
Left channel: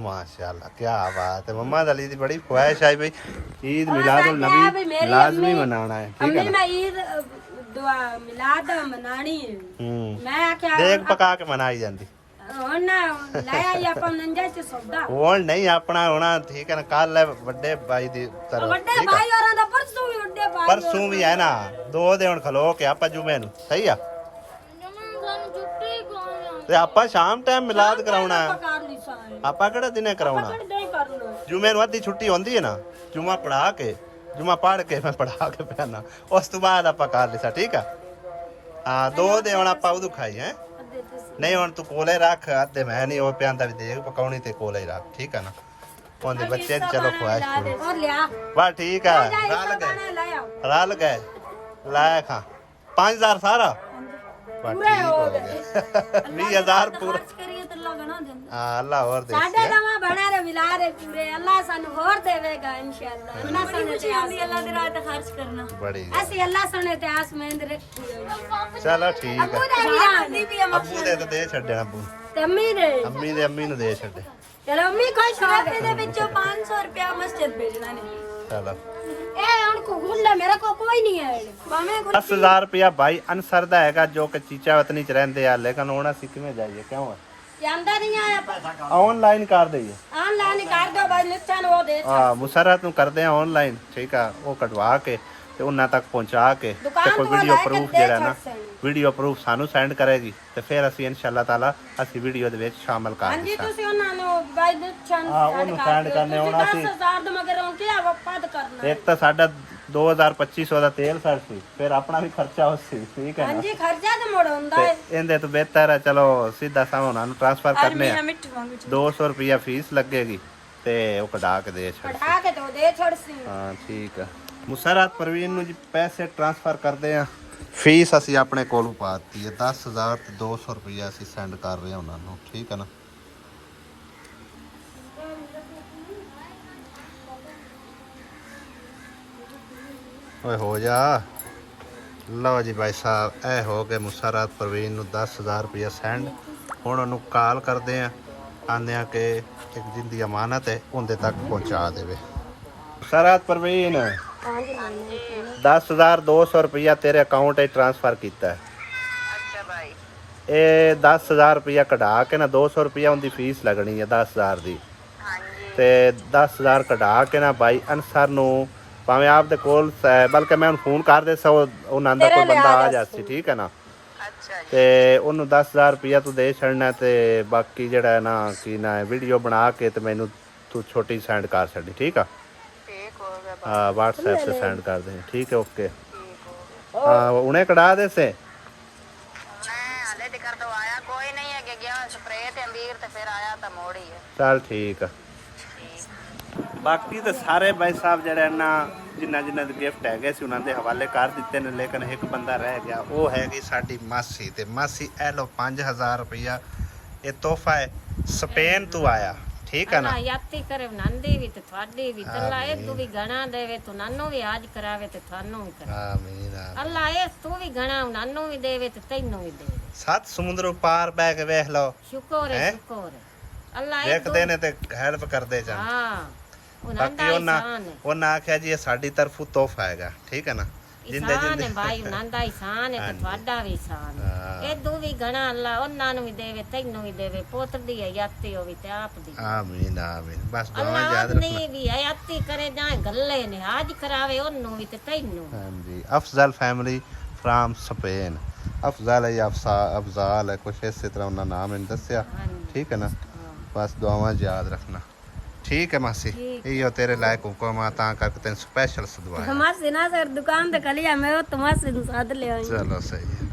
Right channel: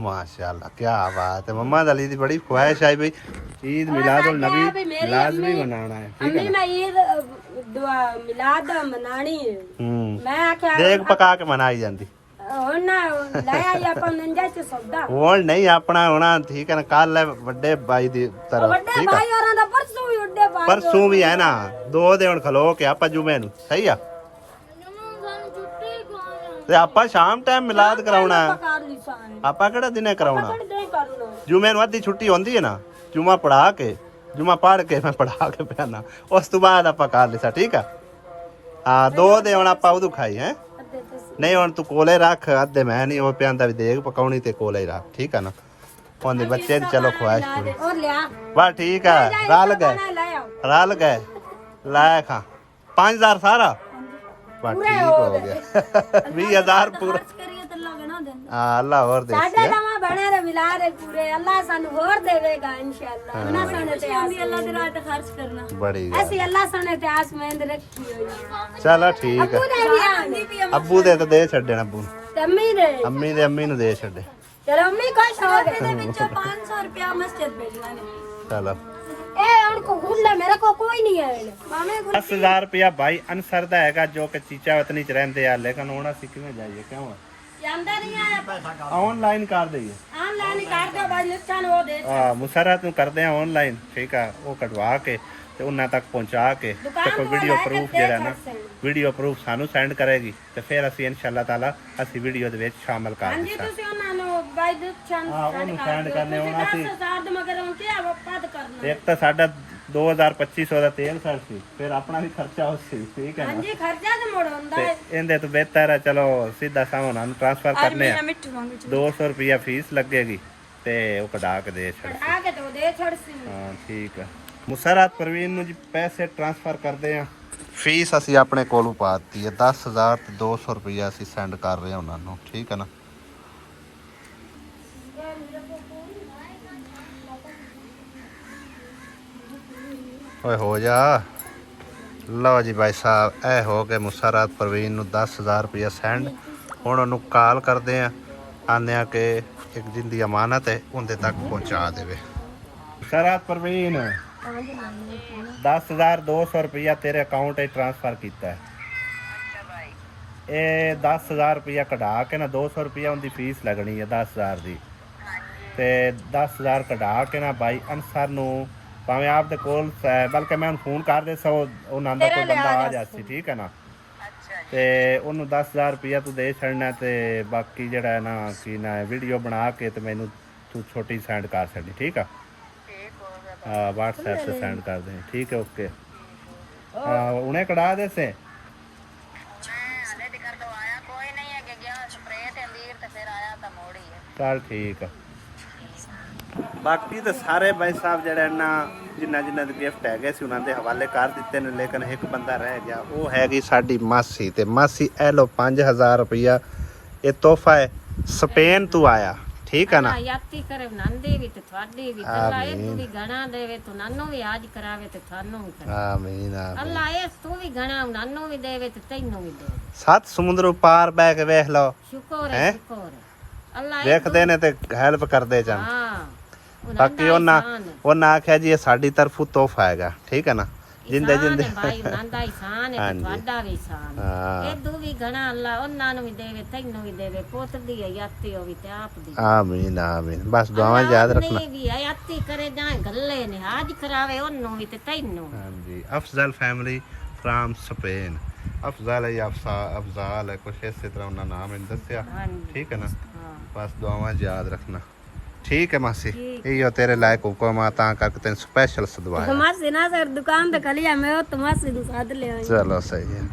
माशाल्लाह, क्या बात है। मम्मा दली दी बड़ी ख्वाहिश आई भाई ईद मिलादुल नबी लाजमी मनाना है, ठीक है अम्मी ना। मैं ईद दुआ मिलाद मनानी है। मैं आख्या देख पका के मनाई जाती। ਹੁਣ ਨਾ ਲੈ ਆਈ ਆਪਾਂ ਨੰਜਾ ਚ ਸੌਦਾ। ਹੁਣ ਨਹੀਂ ਆਪਣਾ ਹੋਣਾ, ਠੀਕ ਹੈ ਨਾ। ਕੱਲ ਹੈ ਵੱਡੇ ਭਾਈ ਦੀ ਤਰਫ, ਵੱਡੇ ਠੀਕ ਹੈ। ਭਾਈ ਹੋਰਾਂ ਦਾ ਪਰਸੋਂ ਵੀ ਵੱਡੇ ਭਾਈ ਪਰਸੋਂ ਵੀ ਹੈ ਨਾ, 2 ਦਿਨ ਖਲੋ ਕੇ ਆਪਾਂ ਜੁਮੇ ਨੂੰ, ਸਹੀ ਆ। ਤੇ ਆਪਾਂ ਸ਼ਾਮ ਟਾਈਮ ਮਿਲਾਦ ਕਰਾਉਣਾ ਹੈ। ਕਰ ਲਈ ਸਾਰੇ ਆਪਾਂ ਕਿਹੜਾ ਦਿਨੇ ਕਰਾਉਣਾ? ਨਹੀਂ ਕਰਨਾ। ਜੁਮੇ ਨੂੰ ਅੱਧੀ ਛੁੱਟੀ ਹੁੰਦੀ ਹੈ ਨਾ, ਜੁਮਾ ਪੜਾ ਕੇ, ਜੁਮਾ ਪੜ ਕੇ ਮੈਂ ਪੜਾ ਕੇ ਪਿਆਣਾ, ਉਸ ਤੋਂ ਬਾਅਦ ਆਪਾਂ ਕਰ ਲਿਆ, ਠੀਕ ਆ। ਹਾਂ 2 ਦਿਨ ਹੁਣ ਆਪਾਂ ਉਦੋਂ ਖਾਈ ਹੈ। ਨਹੀਂ ਹੁਣ ਤੂੰ ਕੋਲੇ ਰੱਖ, ਅੱਧੇ ਮੈਂ ਨਹੀਂ ਉਹ ਪਿਆਂਦਾ ਵੀ ਦੇਖ ਪਕਾਉਣੀ ਤੇ ਕੋਲੇ ਰੱਖ, ਠੀਕ ਆ ਨਾ। ਉਹਦੇ ਬੱਚੇ ਦੀ ਚਲੋ ਖੁਆਇਸ਼ ਪੂਰੀ। ਹੋਰ ਲਿਆ ਬਸ ਠੀਕ ਆ। ਰਲ ਗਏ ਲਾਇਆ ਖਾ 5000 ਸਾਰਾ ਬਸ ਠੀਕ ਹੋ ਗਿਆ। 20,000 ਪੂਰਾ। ਕਰੀਏ ਤਾਂ ਅੱਲਾ ਬਣਾ ਦਿੰਦਾ। ਹਾਂ ਅੱਲਾ ਹੋਰ ਦੇ ਸਾਡੇ ਨਵਾਂ ਬਣਾ ਰੇ ਮਿਲਾ ਰੇ ਪੂਰੇ। ਅੱਲਾ ਸਾਨੂੰ ਹੋਰ ਦੇਵੇਗਾ ਇੰਸ਼ਾਅੱਲਾ। ਉਹਨਾਂ ਸਾਨੂੰ ਤੇ ਆਸ ਅੱਲਾ ਦੇ ਰਾਹ ਤੇ ਖਰਚ ਕਰਨਾ ਬੜੀ ਗੱਲ। ਅਸੀਂ ਅੱਲਾ ਸਾਨੂੰ ਤੇ ਆਸ ਮੇਂਦ ਰੱਖੀ ਹੋਈ। ਚਲੋ ਠੀਕ ਆ। ਅੱਬੂ ਦੇ ਤਾਂ ਦੇ ਛੱਡਣਾ, ਅੱਬੂ ਤੇ ਅੰਮੀ ਨੇ ਅੰਮੀ ਨੂੰ ਦੇ ਛੱਡੇ। ਚਲੋ ਅੰਮੀ ਖੁਸ਼ ਹੋ ਗਏ। ਇਹਦੇ ਵਿੱਚੋਂ 500 ਰੁਪਇਆ ਮਸਜਿਦ ਭੇਜਣਾ ਨੇ। ਚਲੋ ਇਹ ਹੁਣ ਕੋ ਗੁੱਲਾ ਮੇਰੇ ਕੋ ਕੋਈ ਨਹੀਂ ਹੈ। ਮਾਮੇ 10,000 ਰੁਪਇਆ ਭਾਈ ਅਨਸਰ ਦਾ ਹੈਗਾ, ਜੋ ਕਿ ਚੀਚਾ ਵਤਨੀ ਚ ਰਹਿੰਦੇ ਆ, ਲੇਕਿਨ ਹੁਣ ਅਸੀਂ ਕਿਵੇਂ ਜਾਈਏ? ਕਿਉਂ ਜਾਂਦਾ ਨਹੀਂ ਆਇਆ ਪੈਸਾ। ਆਨਲਾਈਨ ਕਰ ਦਈਏ? ਆਨਲਾਈਨ ਕਰ ਦੋ ਬਾਈ, ਨਿੱਚਾ ਨੂੰ ਉਹ ਦੇ। ਮੁਸਰਤ ਨੂੰ ਕਰਦੇ ਆ ਆਨਲਾਈਨ, ਠੀਕ ਆ। ਉਹ ਕਟਵਾ ਕੇ ਤੇ ਉਹਨਾਂ ਤੱਕ ਪਹੁੰਚਾ ਕੇ ਤੇ ਕੋਈ ਵੀਡੀਓ ਪ੍ਰੂਫ ਜਿਹੜਾ ਨਾ, ਵੀਡੀਓ ਪ੍ਰੂਫ ਸਾਨੂੰ ਸੈਂਡ ਕਰੇਗੀ ਤੇ ਫਿਰ ਅਸੀਂ ਇਨਸ਼ਾਅੱਲਾ ਤਾਲਾ ਅਸੀਂ ਵੀਡੀਓ ਦੇ ਵਿੱਚ ਸ਼ਾਮਲ ਕਰ ਹਾਂਜੀ ਦਿੱਤਾ। ਤੁਸੀਂ ਉਹਨਾਂ ਨੂੰ ਬਾਈ ਦੇ ਚੰਨ ਉਹਨੂੰ ਸੈਂਡ ਕਰਨੇ। ਹੁਣ ਅਸੀਂ 10,000 ਦੇ ਮਗਰ ਉਹ ਕੀ ਵਪਾਦ ਕਰਨਾ। ਇੱਕ ਤਾਂ ਸਾਡਾ 2,2500 ਦਾ ਤੇਲ ਸੜ ਸੀ, ਫਿਰ ਆਪਣਾ ਵੀ ਖਰਚਾ ਉਸ ਸੀ, ਠੀਕ ਹੈ ਨਾ। ਹਾਂਜੀ ਖਰਚਾ ਤੇ ਮੁੜ ਹੁੰਦਾ ਤੇ ਹੈ। ਇਹਦੇ ਤੋਂ ਬਿਹਤਰ ਹੈ ਚਲੋ ਸਿੱਧਾ ਸਾਹ ਉਹਨਾਂ ਨੂੰ ਟ੍ਰਾਂਸਫਰ ਕਰਨੇ ਆ। 200 ਰੁਪਇਆ ਫੀਸ ਲੱਗੇਗੀ ਤੇ ਉਹ ਕਢਾ ਕੇ ਦੇ ਛੱਡ। ਆ ਕੇ ਤੋ ਦੇ ਛੜ ਸੀ। ਹਾਂ ਠੀਕ ਆ। ਮੁਸਰਤ ਪ੍ਰਵੀਨ ਨੂੰ ਜੀ ਪੈਸੇ ਟ੍ਰਾਂਸਫਰ ਕਰਦੇ ਆ। ਫੀਸ ਅਸੀਂ ਆਪਣੇ ਕੋਲੋਂ ਪਾ ਦਿੱਤੀ ਹੈ 10,000 ਤੇ 200 ਰੁਪਇਆ ਅਸੀਂ ਸੈਂਡ ਕਰ ਰਹੇ ਹਾਂ ਉਹਨਾਂ ਨੂੰ, ਠੀਕ ਹੈ ਨਾ। ਓਏ ਹੋ ਜਾ। ਲਓ ਜੀ ਭਾਈ ਸਾਹਿਬ, ਇਹ ਹੋ ਗਏ ਮੁਸਰਤ ਪ੍ਰਵੀਨ ਨੂੰ 10,000 ਰੁਪਇਆ ਸੈਂਡ। ਹੁਣ ਉਹਨੂੰ ਕਾਲ ਕਰਦੇ ਆ, ਆਂਦੇ ਆ ਕਿ ਇੱਕ ਦਿਨ ਦੀ ਅਮਾਨਤ ਹੈ, ਉਹਦੇ ਤੱਕ ਪਹੁੰਚਾ ਦੇਵੇ। ਮੁਸਰਤ ਪ੍ਰਵੀਨ 10,200 ਰੁਪਇਆ ਤੇਰੇ ਅਕਾਊਂਟ 'ਚ ਟ੍ਰਾਂਸਫਰ ਕੀਤਾ ਹੈ। ਇਹ 10,000 ਰੁਪਇਆ ਕਢਾ ਕੇ ਨਾ 200 ਰੁਪਇਆ ਉਹਦੀ ਫੀਸ ਲੱਗਣੀ ਹੈ 10,000 ਦੀ, ਤੇ 10,000 ਕਢਾ ਕੇ ਨਾ ਭਾਈ ਅਨਸਰ ਨੂੰ ਭਾਵੇਂ ਆਪ ਦੇ ਕੋਲ ਬਲਕਿ ਮੈਂ ਉਹਨੂੰ ਫੋਨ ਕਰ ਦੇ ਸੋ ਉਹਨਾਂ ਦਾ ਕੋਈ ਬੰਦਾ ਆ ਜਾਸੀ ਠੀਕ ਹੈ ਨਾ ਤੇ ਉਹਨੂੰ 10000 ਰੁਪਇਆ ਤੂੰ ਦੇ ਛੱਡਣਾ ਤੇ ਬਾਕੀ ਜਿਹੜਾ ਹੈ ਨਾ ਕੀ ਨਾ ਵੀਡੀਓ ਬਣਾ ਕੇ ਤੇ ਮੈਨੂੰ ਤੂੰ ਛੋਟੀ ਸੈਂਡ ਕਰ ਛੱਡੀ ਠੀਕ ਆ हाँ व्हाट्सएप से सेंड कर दें ठीक है ओके उन्हें कढ़ा दे से चल ठीक है बाकी तो सारे भाई साहब जड़े ना जिन्ना जिन्ना दे गिफ्ट है सी उन्होंने हवाले कर दिते ने लेकिन एक बंदा रह गया वो हैगी साडी मासी ते मासी ए लो 5000 रुपया ये तोहफा है स्पेन तू आया ठीक है ना याती करे नंदी भी ते थवाडी भी अल्लाह ए तू भी गणा देवे तो नानो भी आज करावे ते थानो भी करे आमीन आमीन अल्लाह ए तू भी गणा नानो भी देवे ते तैनो भी देवे सात समुद्र पार बह के वेख लो शुक्र है अल्लाह देखते ने ते हेल्प कर दे जान हां बाकी ਉਹਨਾਂ ਆਖਿਆ ਜੀ ਇਹ ਸਾਡੀ ਤਰਫੋਂ ਤੋਹਫਾ ਹੈਗਾ ਠੀਕ ਹੈ ਨਾ ਜਿੰਦੇ ਜਿੰਦੇ ਭਾਈ ਨੰਦਾ ਇਸਾਨ ਹੈ ਤੇ ਤੁਹਾਡਾ ਵੀ ਇਸਾਨ ਹੈ ਇਹ ਵੀ ਗਣਾ ਅੱਲਾ ਉਹਨਾਂ ਨੂੰ ਵੀ ਦੇਵੇ ਤੈਨੂੰ ਵੀ ਦੇਵੇ ਪੁੱਤ ਦੀ ਹੈ ਯਾਤੀ ਹੋਵੇ ਤੇ ਆਪ ਦੀ ਆਮੀਨ ਆਮੀਨ ਬਸ ਦੁਆਵਾਂ ਯਾਦ ਰੱਖਣਾ ਨਹੀਂ ਵੀ ਯਾਤੀ ਕਰੇ ਜਾਂ ਗੱਲੇ ਨੇ ਹਾਜ ਕਰਾਵੇ ਉਹਨੂੰ ਵੀ ਤੇ ਤੈਨੂੰ ਹਾਂਜੀ Afzal family from Spain Afzal ਹੈ ਅਫਜ਼ਾਲ ਹੈ ਕੁਛ ਇਸੇ ਤਰ੍ਹਾਂ ਉਹਨਾਂ ਨਾਮ ਇਹਨੂੰ ਦੱਸਿਆ ਠੀਕ ਹੈ ਨਾ ਬਸ ਦੁਆਵਾਂ ਯਾਦ ਰੱਖਣਾ ठीक है मासी यो तेरे लायक हुक्म ता करके तेन स्पेशल सदवाया मासी ना सर दुकान तो कलिया मैं तो मासी साथ ले आई चलो सही है।